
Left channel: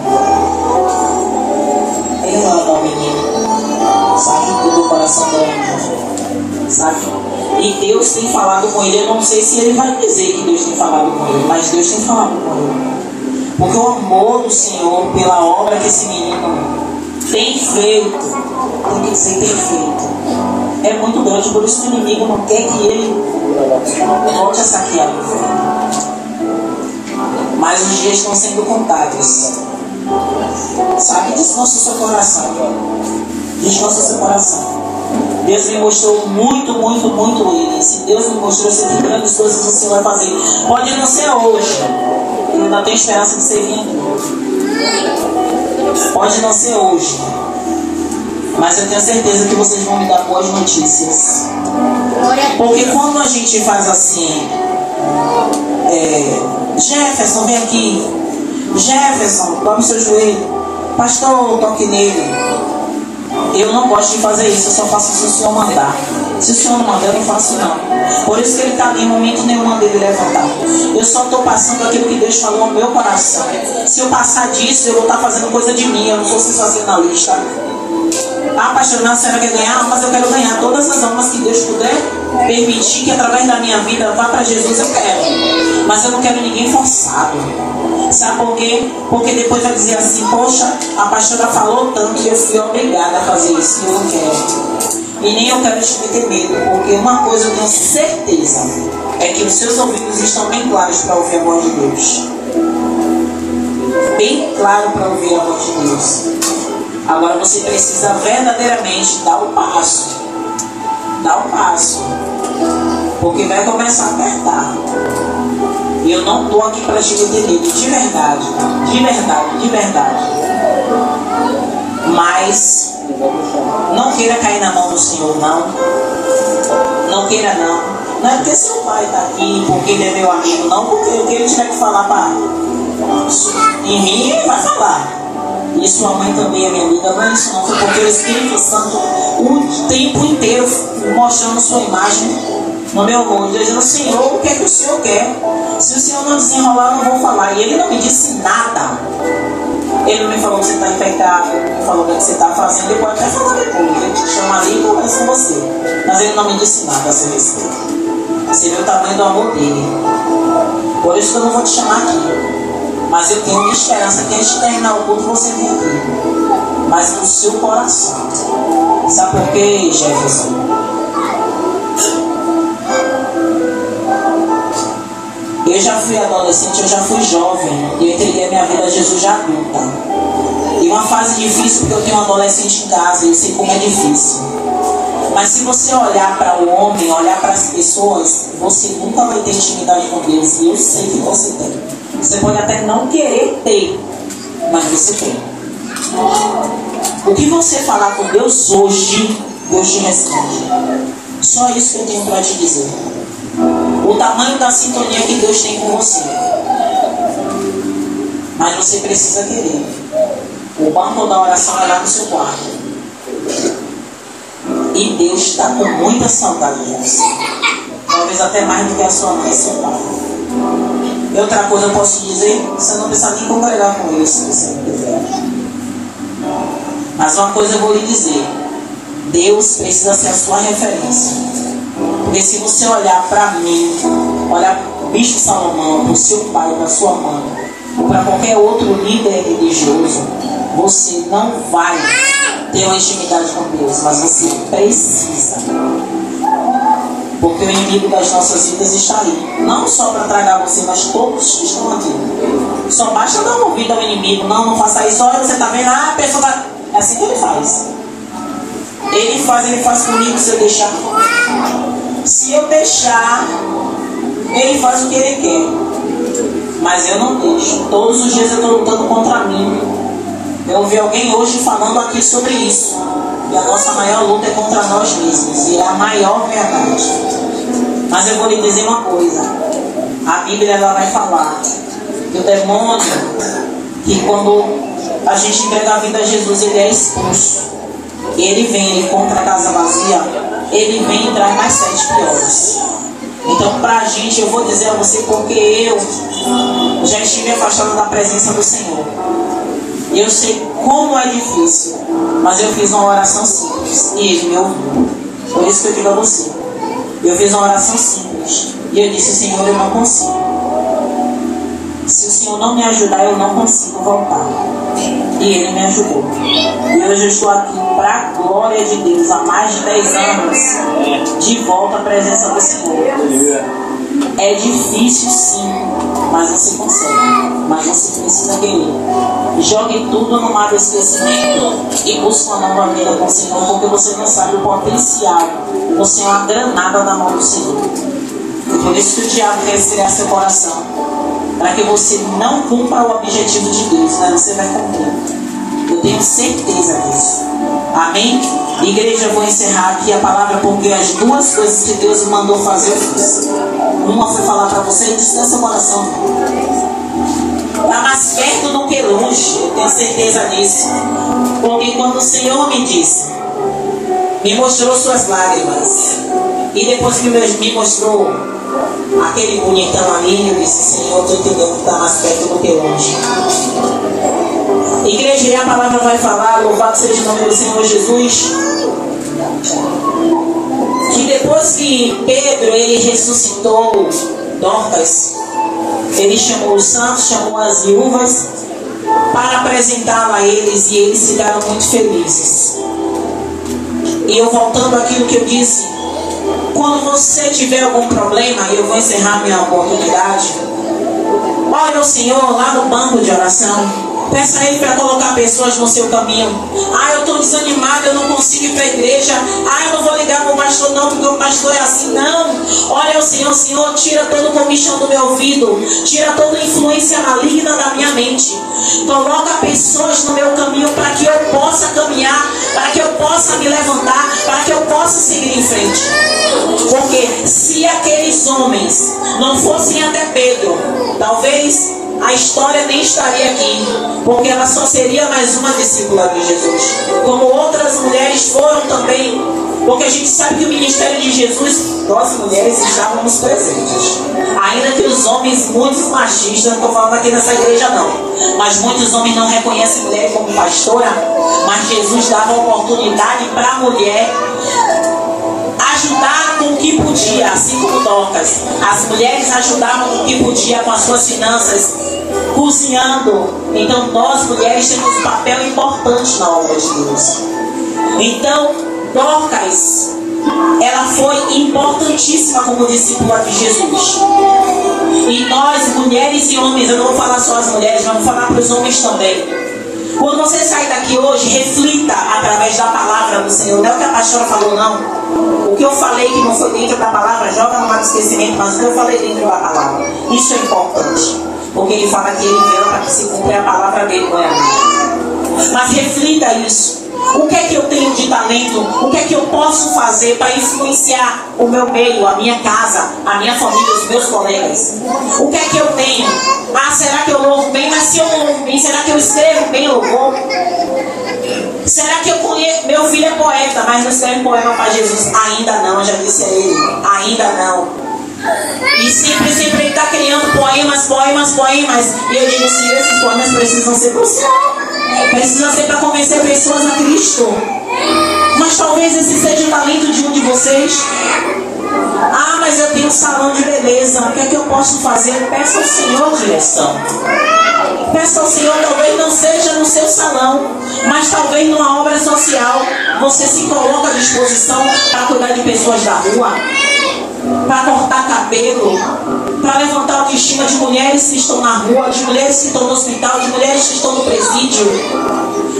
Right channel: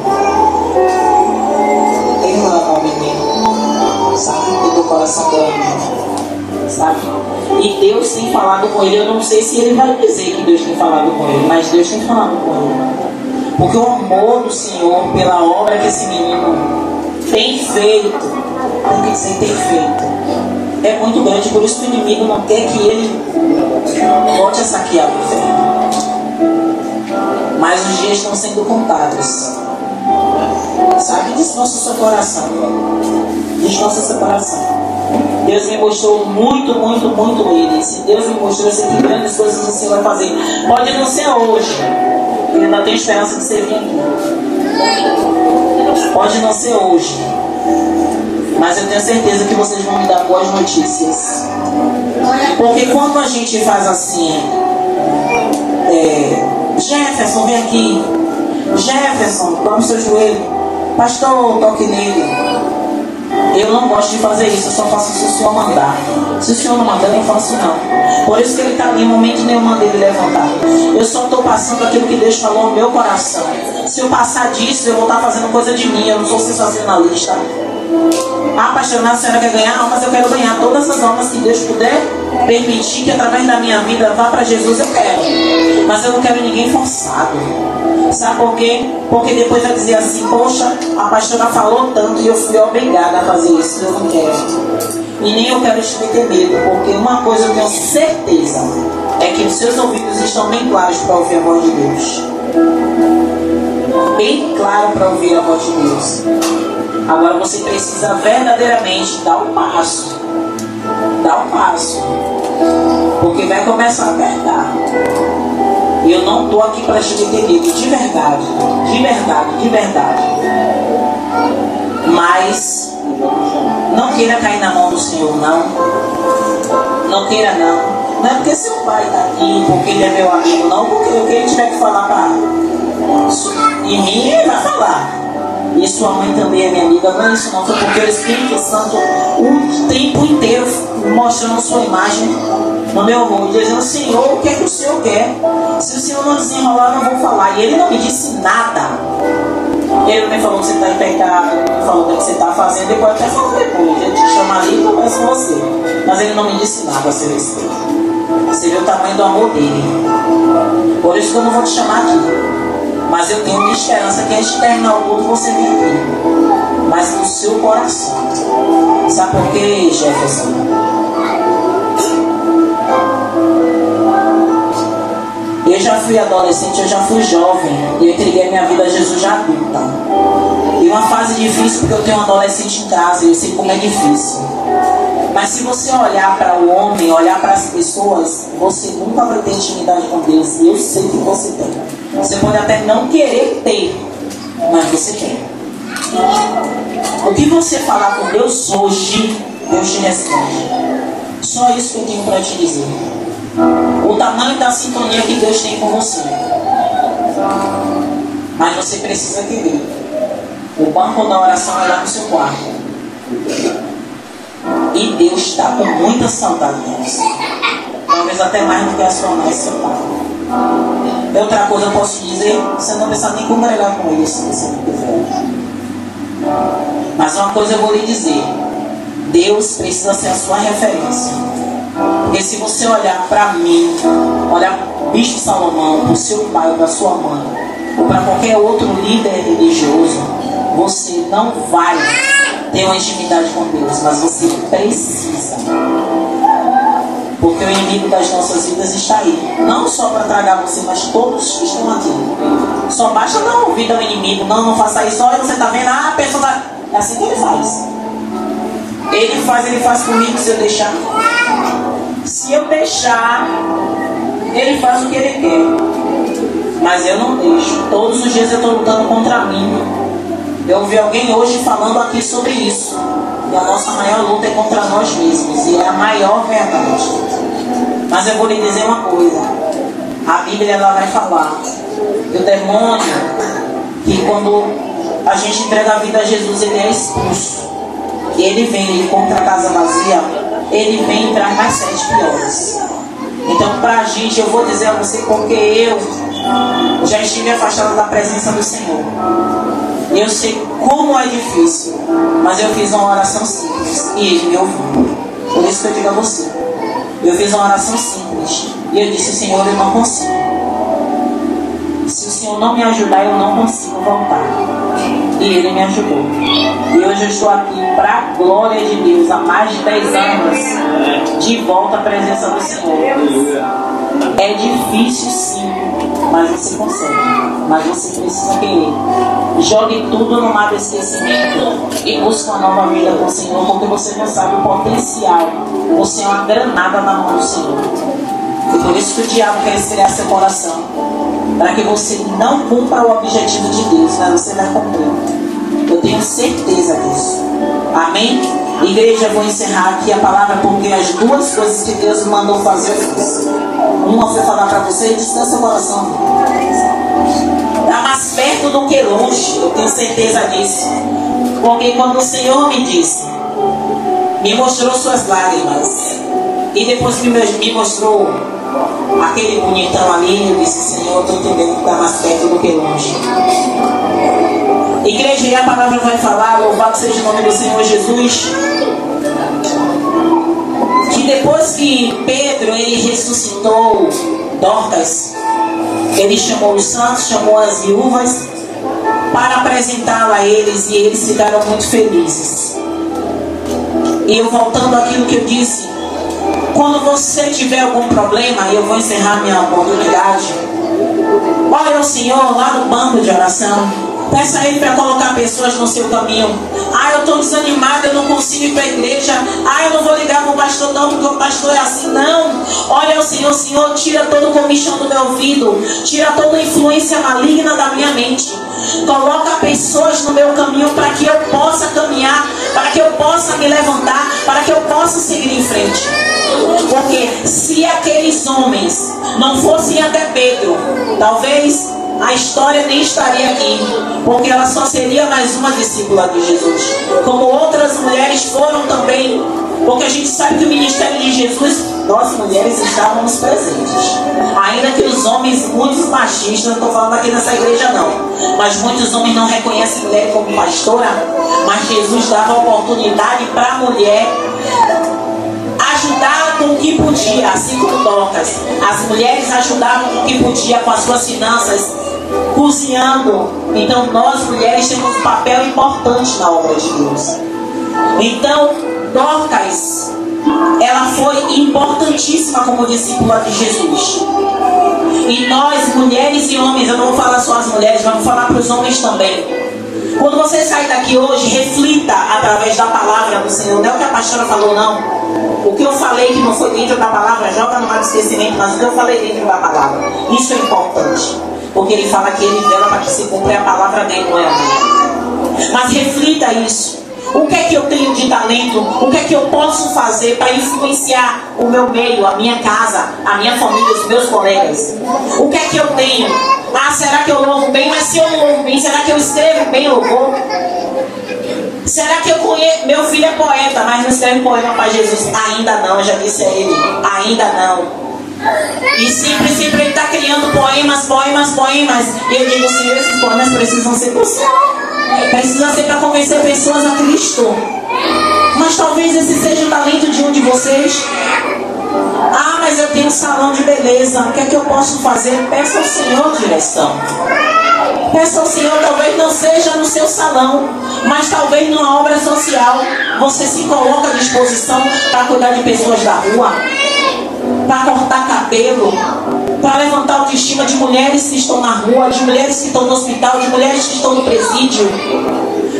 Ele não é um mau menino. Sabe? Do coração do homem. Sabe? E Deus tem falado com ele. Eu não sei se ele vai dizer que Deus tem falado com ele, mas Deus tem falado com ele. Porque o amor do Senhor pela obra que esse menino tem feito, tem que dizer tem feito, é muito grande. Por isso que o inimigo não quer que ele volte a saquear o inferno. Mas os dias estão sendo contados. Sabe? Descansa o seu coração. Descansa o seu coração. Deus me mostrou muito ele. Se Deus me mostrou, eu sei que grandes coisas o Senhor vai fazer. Pode não ser hoje. Eu ainda tenho esperança de você vir aqui. Pode não ser hoje. Mas eu tenho certeza que vocês vão me dar boas notícias. Porque quando a gente faz assim, Jefferson, vem aqui. Jefferson, tome seu joelho. Pastor, toque nele. Eu não gosto de fazer isso, eu só faço se o Senhor mandar. Se o Senhor não mandar, eu não faço não. Por isso que ele está ali, em momento nenhum mandei ele levantar. Eu só estou passando aquilo que Deus falou no meu coração. Se eu passar disso, eu vou estar fazendo coisa de mim. Eu não sou sensacionalista. Apaixonado, a senhora quer ganhar almas? Eu quero ganhar todas as almas que Deus puder permitir que através da minha vida vá para Jesus, eu quero. Mas eu não quero ninguém forçado. Sabe por quê? Porque depois vai dizer assim: poxa, a pastora falou tanto e eu fui obrigada a fazer isso. Eu não quero. E nem eu quero te meter medo, porque uma coisa eu tenho certeza, é que os seus ouvidos estão bem claros para ouvir a voz de Deus. Bem claro para ouvir a voz de Deus. Agora você precisa verdadeiramente dar o passo. Dar o passo. Porque vai começar a apertar. E eu não estou aqui para te meter medo, de verdade. De verdade, de verdade. Mas não queira cair na mão do Senhor, não. Não queira, não. Não é porque seu pai está aqui, porque ele é meu amigo, não. Porque o que ele tiver que falar para em mim, ele vai falar. E sua mãe também é minha amiga. Não é isso, não. Foi porque o Espírito Santo o tempo inteiro mostrando sua imagem no meu mundo, dizendo: Senhor, o que é que o Senhor quer? Se o Senhor não desenrolar, eu não vou falar. E ele não me disse nada. Ele não me falou que você está em pecado, ele me falou o que você está fazendo. Depois até falar depois, ele te chama ali e conversa com você. Mas ele não me disse nada a seu respeito. Você vê o tamanho do amor dele. Por isso que eu não vou te chamar aqui. Mas eu tenho uma esperança que antes de terminar o culto você vem aqui. Mas no seu coração. Sabe por quê, Jefferson? Eu já fui adolescente, eu já fui jovem. E eu entreguei a minha vida a Jesus já adulta. E uma fase difícil, porque eu tenho um adolescente em casa e eu sei como é difícil. Mas se você olhar para o homem, olhar para as pessoas, você nunca vai ter intimidade com Deus. E eu sei que você tem. Você pode até não querer ter, mas você tem. O que você falar com Deus hoje, Deus te responde. Só isso que eu tenho para te dizer. O tamanho da sintonia que Deus tem com você. Mas você precisa querer. O banco da oração é lá no seu quarto. E Deus está com muita saudade de você. Talvez até mais do que a sua mãe e seu pai. Outra coisa eu posso dizer: você não precisa nem congregar com eles se você não quiser. Mas uma coisa eu vou lhe dizer: Deus precisa ser a sua referência. Porque se você olhar para mim, olhar para o Bispo Salomão, para o seu pai, para a sua mãe, ou para qualquer outro líder religioso, você não vai ter uma intimidade com Deus, mas você precisa. Porque o inimigo das nossas vidas está aí. Não só para tragar você, mas todos que estão aqui. Só basta dar ouvido ao inimigo. Não faça isso. Olha, você está vendo? A pessoa está... É assim que ele faz. Ele faz comigo se eu deixar. Se eu deixar, ele faz o que ele quer. Mas eu não deixo. Todos os dias eu estou lutando contra mim. Eu ouvi alguém hoje falando aqui sobre isso. E a nossa maior luta é contra nós mesmos. E é a maior verdade. Mas eu vou lhe dizer uma coisa. A Bíblia ela vai falar do demônio que quando a gente entrega a vida a Jesus, ele é expulso. E ele vem, ele encontra a casa vazia, ele vem e traz mais 7 piores. Então, pra gente, eu vou dizer a você, porque eu já estive afastado da presença do Senhor. E eu sei como é difícil, mas eu fiz uma oração simples e ele me ouviu. Por isso que eu digo a você, eu fiz uma oração simples e eu disse: Senhor, eu não consigo. Se o Senhor não me ajudar, eu não consigo voltar. E ele me ajudou. E hoje eu estou aqui para a glória de Deus, há mais de 10 anos, de volta à presença do Senhor. É difícil sim, mas você consegue. Mas você precisa querer. Jogue tudo no mar do esquecimento e busque uma nova vida com o Senhor, porque você não sabe o potencial. Você é uma granada na mão do Senhor. E por isso que o diabo quer esfriar seu coração, para que você não cumpra o objetivo de Deus, mas você vai cumprir. Eu tenho certeza disso. Amém? Igreja, eu vou encerrar aqui a palavra, porque as duas coisas que Deus me mandou fazer, eu fiz. Uma foi falar para você: descansa o coração. Está mais perto do que longe, eu tenho certeza disso. Porque quando o Senhor me disse, me mostrou suas lágrimas, e depois que me mostrou aquele bonitão ali, eu disse: Senhor, eu estou entendendo que está mais perto do que longe. Igreja, e a palavra vai falar, louvado seja o nome do Senhor Jesus, que depois que Pedro ele ressuscitou Dorcas, ele chamou os santos, chamou as viúvas para apresentá-la a eles, e eles ficaram muito felizes. E eu voltando àquilo que eu disse, quando você tiver algum problema, eu vou encerrar minha oportunidade, olha o Senhor lá no banco de oração. Peça a Ele para colocar pessoas no seu caminho. Ah, eu estou desanimado, eu não consigo ir para a igreja. Ah, eu não vou ligar para o pastor não, porque o pastor é assim. Não, olha o Senhor, Senhor, tira todo o comichão do meu ouvido, tira toda a influência maligna da minha mente. Coloca pessoas no meu caminho para que eu possa caminhar, para que eu possa me levantar, para que eu possa seguir em frente. Porque se aqueles homens não fossem até Pedro, talvez a história nem estaria aqui, porque ela só seria mais uma discípula de Jesus, como outras mulheres foram também, porque a gente sabe que o ministério de Jesus, nós mulheres estávamos presentes, ainda que os homens, muitos machistas, não estou falando aqui nessa igreja não, mas muitos homens não reconhecem mulher como pastora, mas Jesus dava oportunidade para a mulher ajudar com o que podia, assim como Dorcas. As mulheres ajudavam com o que podia com as suas finanças, cozinhando. Então nós mulheres temos um papel importante na obra de Deus. Então Dorcas, ela foi importantíssima como discípula de Jesus. E nós mulheres e homens, eu não vou falar só as mulheres, vamos falar para os homens também. Quando você sair daqui hoje, reflita através da palavra do Senhor. Não é o que a pastora falou, não. O que eu falei que não foi dentro da palavra, joga no mar do esquecimento, mas o que eu falei dentro da palavra, isso é importante. Porque ele fala que ele vela para que se cumpra a palavra dele, não é a minha. Mas reflita isso. O que é que eu tenho de talento? O que é que eu posso fazer para influenciar o meu meio, a minha casa, a minha família, os meus colegas? O que é que eu tenho? Ah, será que eu louvo bem? Mas se eu não louvo bem, será que eu escrevo bem louvor? Será que eu conheço? Meu filho é poeta, mas não escreve poema para Jesus? Ainda não, eu já disse a ele. Ainda não. E sempre ele está criando poemas. E eu digo, Senhor, esses poemas precisam ser do Senhor. Precisa ser para convencer pessoas a Cristo. Mas talvez esse seja o talento de um de vocês. Ah, mas eu tenho um salão de beleza. O que é que eu posso fazer? Peça ao Senhor direção. Peça ao Senhor, talvez não seja no seu salão, mas talvez numa obra social. Você se coloca à disposição para cuidar de pessoas da rua, para cortar cabelo, para levantar a autoestima de mulheres que estão na rua, de mulheres que estão no hospital, de mulheres que estão no presídio.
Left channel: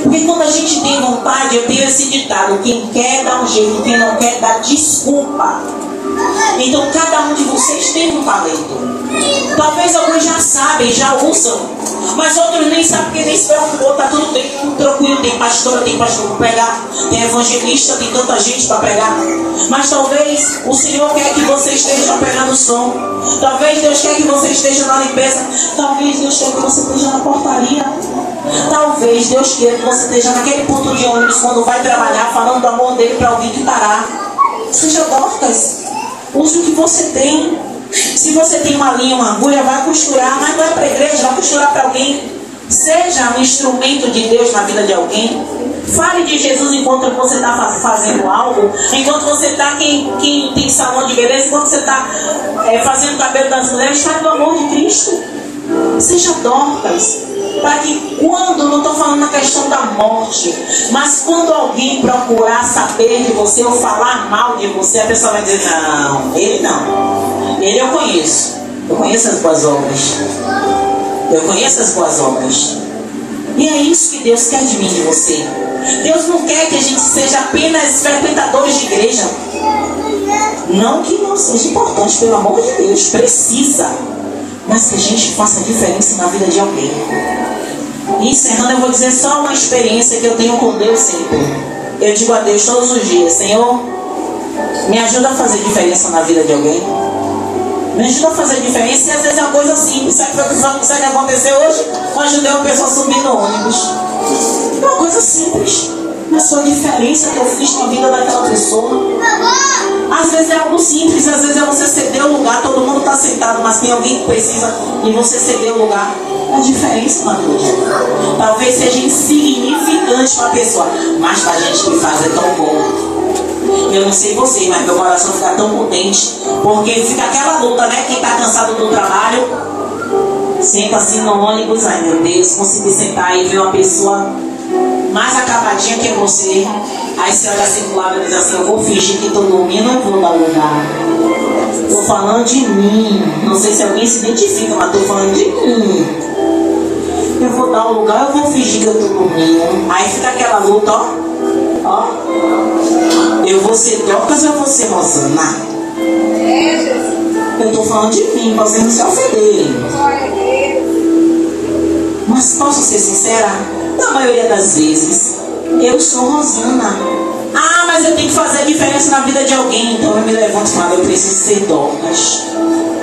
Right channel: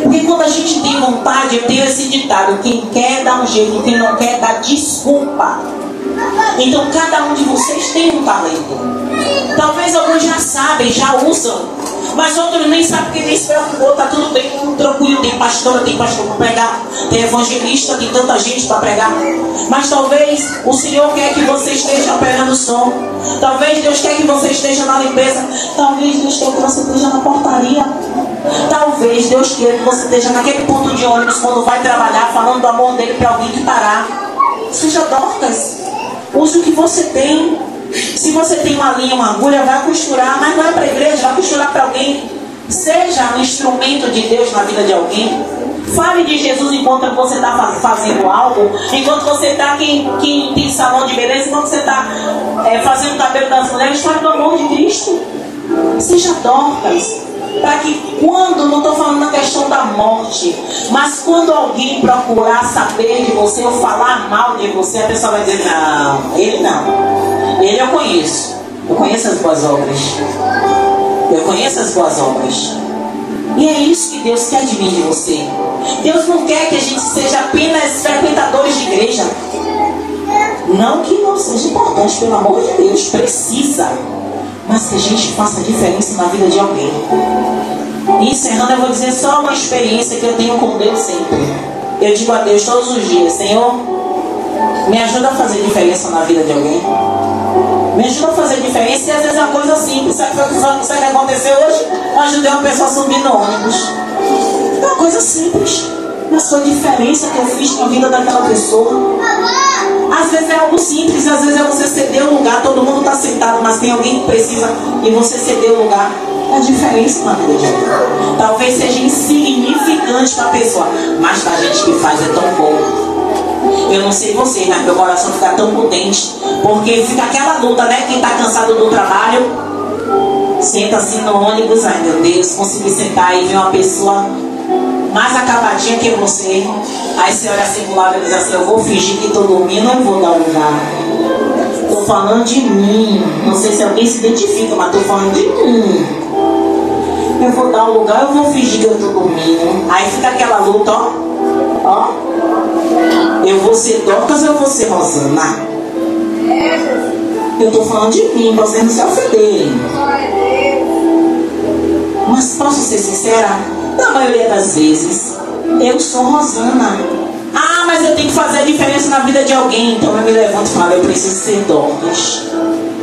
Porque quando a gente tem vontade, eu tenho esse ditado: quem quer dá um jeito, quem não quer dá desculpa. Então cada um de vocês tem um talento. Talvez alguns já sabem, já usam, Mas outros nem sabem que nem se preocupou, tá tudo bem, tudo tranquilo. Tem pastora para pregar, tem evangelista, tem tanta gente para pregar. Mas talvez o Senhor quer que você esteja pegando som. Talvez Deus quer que você esteja na limpeza. Talvez Deus quer que você esteja na portaria. Talvez Deus queira que você esteja naquele ponto de ônibus quando vai trabalhar, falando do amor dele para alguém que parar. Seja Dorcas. Use o que você tem. Se você tem uma linha, uma agulha, vai costurar. Mas não é para a igreja, vai costurar para alguém. Seja um instrumento de Deus na vida de alguém. Fale de Jesus enquanto você está fazendo algo. Enquanto você está, quem tem salão de beleza, enquanto você está fazendo o cabelo das mulheres, fale do amor de Cristo. Seja Dorcas. Para que quando, não estou falando na questão da morte, mas quando alguém procurar saber de você ou falar mal de você, a pessoa vai dizer, não, ele não. Ele eu conheço as boas obras. Eu conheço as boas obras. E é isso que Deus quer de mim, de você. Deus não quer que a gente seja apenas frequentadores de igreja. Não que não seja importante, pelo amor de Deus, precisa. Mas que a gente faça diferença na vida de alguém. E encerrando, eu vou dizer só uma experiência que eu tenho com Deus sempre. Eu digo a Deus todos os dias, Senhor, me ajuda a fazer diferença na vida de alguém. Me ajuda a fazer diferença. E às vezes é uma coisa simples. Sabe o que aconteceu hoje? Eu ajudei uma pessoa a subir no ônibus. É uma coisa simples, mas foi a diferença que eu fiz na vida daquela pessoa. Às vezes é algo simples, às vezes é você ceder o lugar. Todo mundo está sentado, mas tem alguém que precisa e você ceder o lugar. É a diferença na vida. Talvez seja insignificante para a pessoa, mas para a gente que faz é tão bom. Eu não sei você, mas meu coração fica tão contente, porque fica aquela luta, né? Quem está cansado do trabalho, senta assim no ônibus, ai meu Deus, consegui sentar e ver uma pessoa mais acabadinha que você. Aí você olha assim pro lado e diz assim, eu vou fingir que estou dormindo, eu vou dar lugar. Estou falando de mim. Não sei se alguém se identifica, mas estou falando de mim. Eu vou dar um lugar, eu vou fingir que eu estou dormindo. Aí fica aquela luta, ó. Ó. Eu vou ser Dorcas ou eu vou ser Rosana? Eu estou falando de mim, vocês não se ofenderem. Mas posso ser sincera? Na maioria das vezes, eu sou Rosana. Ah, mas eu tenho que fazer a diferença na vida de alguém. Então eu me levanto e falo, eu preciso ser Dorcas.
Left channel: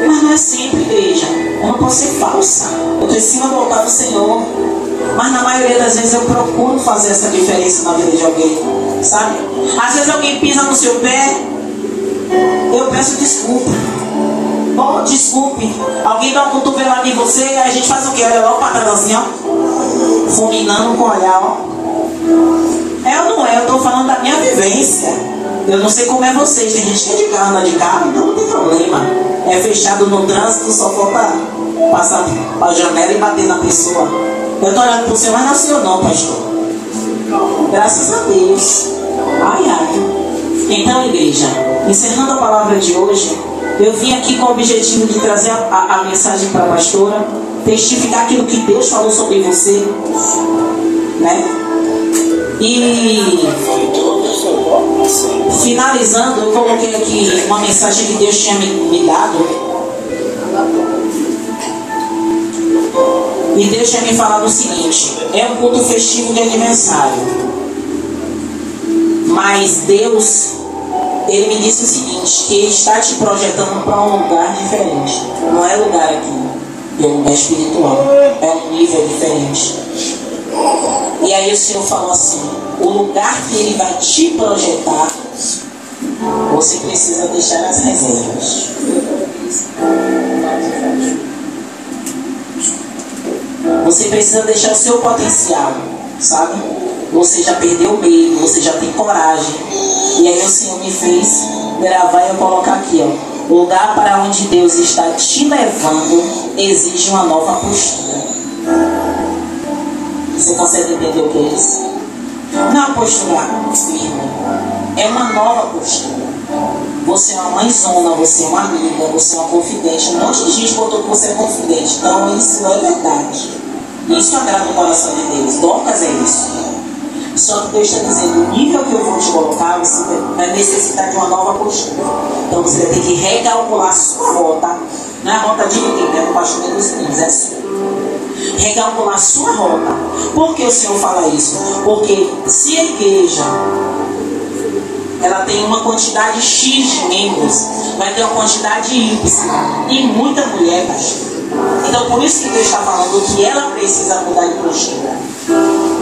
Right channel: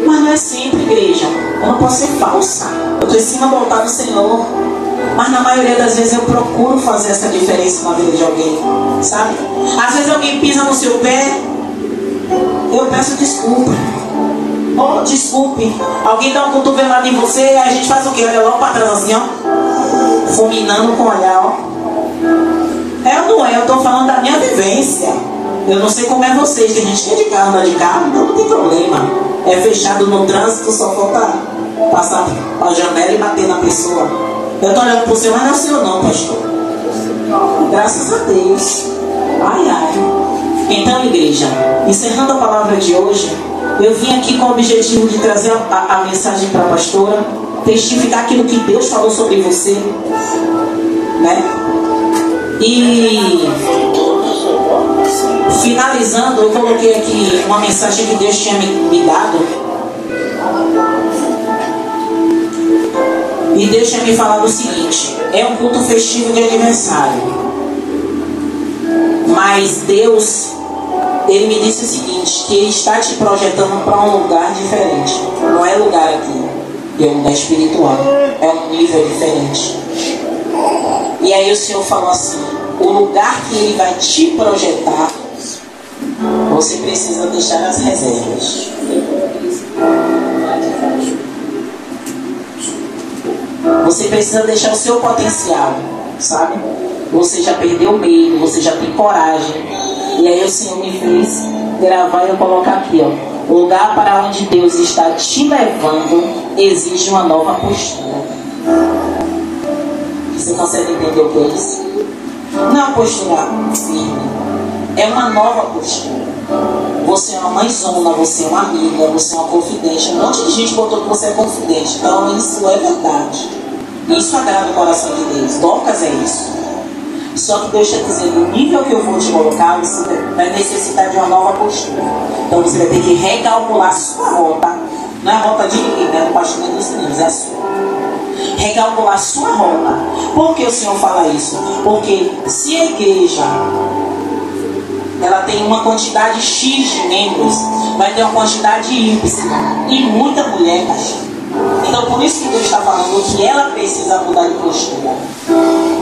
Mas não é sempre, igreja. Eu não posso ser falsa. Eu preciso voltar no Senhor. Mas na maioria das vezes eu procuro fazer essa diferença na vida de alguém. Sabe? Às vezes alguém pisa no seu pé, eu peço desculpa. Oh, desculpe. Alguém dá um cotovelado em você, aí a gente faz o quê? Olha logo para trás assim, ó. Fulminando com o olhar, ó. É ou não é? Eu estou falando da minha vivência. Eu não sei como é vocês, que a gente quer de carro, anda de carro, então não tem problema. É fechado no trânsito, só falta passar a janela e bater na pessoa. Eu estou olhando para o Senhor, mas não é o Senhor não, pastor. Graças a Deus. Ai, ai. Então, igreja, encerrando a palavra de hoje, eu vim aqui com o objetivo de trazer a mensagem para a pastora, testificar aquilo que Deus falou sobre você, né? E finalizando, eu coloquei aqui uma mensagem que Deus tinha me dado. E Deus tinha me falado o seguinte: é um culto festivo de aniversário, mas Deus, Ele me disse o seguinte, que Ele está te projetando para um lugar diferente. Não é lugar aqui, é um lugar espiritual, é um nível diferente. E aí o Senhor falou assim, o lugar que Ele vai te projetar, você precisa deixar as reservas. Você precisa deixar o seu potencial, sabe? Você já perdeu o medo, você já tem coragem. E aí o Senhor me fez gravar e eu colocar aqui, ó. O lugar para onde Deus está te levando exige uma nova postura. Você consegue entender o que é isso? Não é uma postura firme, é uma nova postura. Você é uma mãezona, você é uma amiga, você é uma confidente. Um monte de gente botou que você é confidente. Então isso é verdade. Isso agrada o coração de Deus. Dorcas é isso. Só que Deus está dizendo, o nível que eu vou te colocar, você vai necessitar de uma nova postura. Então você vai ter que recalcular a sua rota. Não é a rota de ninguém, né? O pastor dos meninos, é assim. recalcular a sua rota. Por que o Senhor fala isso? Porque se a igreja ela tem uma quantidade X de membros, vai ter uma quantidade Y e muita mulher, pastor. Então por isso que Deus está falando que ela precisa mudar de postura,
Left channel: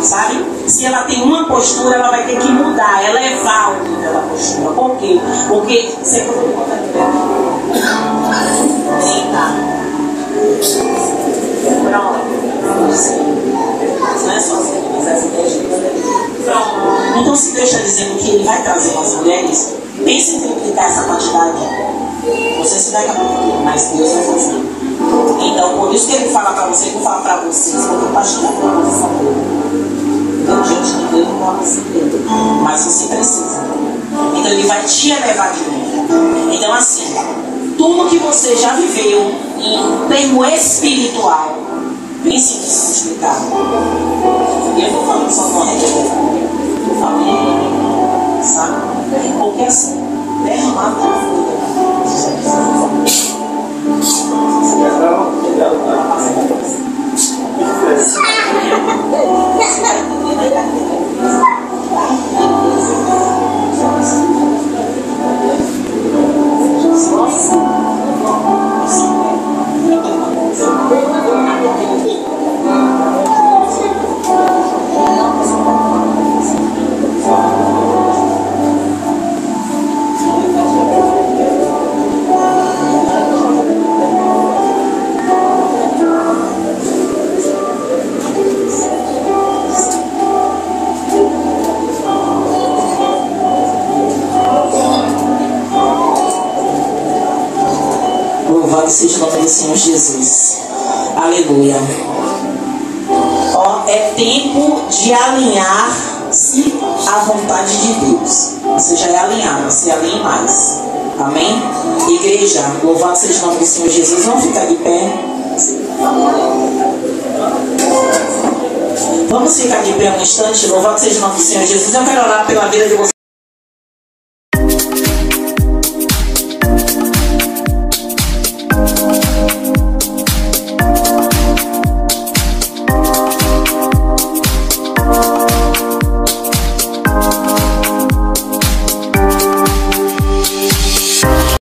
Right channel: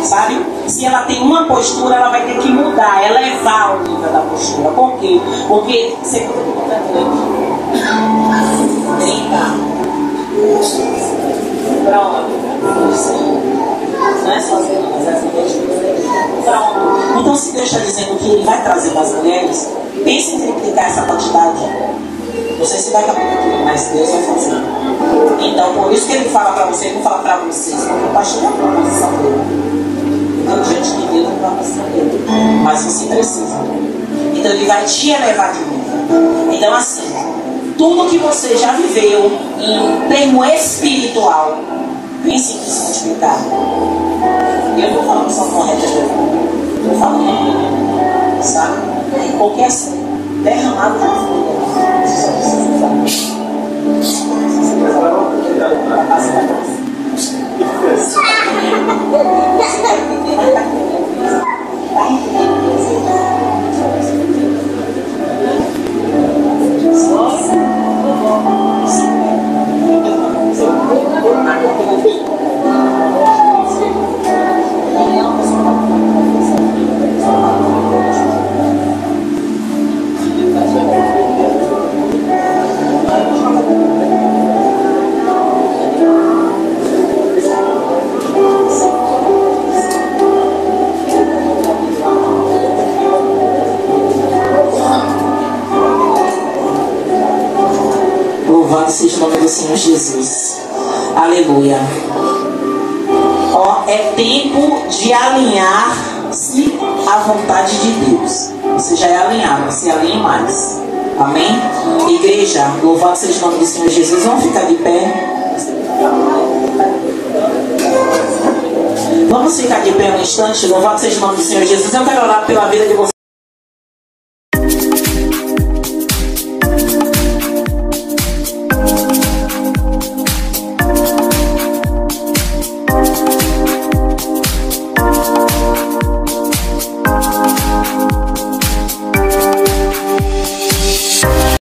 sabe? Se ela tem uma postura, ela vai ter que mudar, elevar o nível da postura. Por quê? Porque você pode botar não é sozinho, mas as mulheres. Então, se Deus está dizendo que Ele vai trazer mais mulheres, pense em triplicar essa quantidade. Não sei se vai acabar, mas Deus vai fazer. Então, por isso que Ele fala para você, eu vou falar para vocês, porque o pastor não tem uma posição dele. Então, diante de Deus não tem uma posição dele. Mas você precisa. Então, Ele vai te elevar de nível. Então, assim, tudo que você já viveu em termo espiritual, pense nisso multiplicar. E eu vou falando só com a rede de eu falo, sabe? Porque assim, derramado na vida. Louvado seja o nome do Senhor Jesus. Aleluia. Ó, é tempo de alinhar-se à vontade de Deus. Você já é alinhado, se alinhe mais. Amém? Igreja, louvado seja o nome do Senhor Jesus. Vamos ficar de pé. Vamos ficar de pé um instante. Louvado seja o nome do Senhor Jesus. Eu quero orar pela vida de vocês.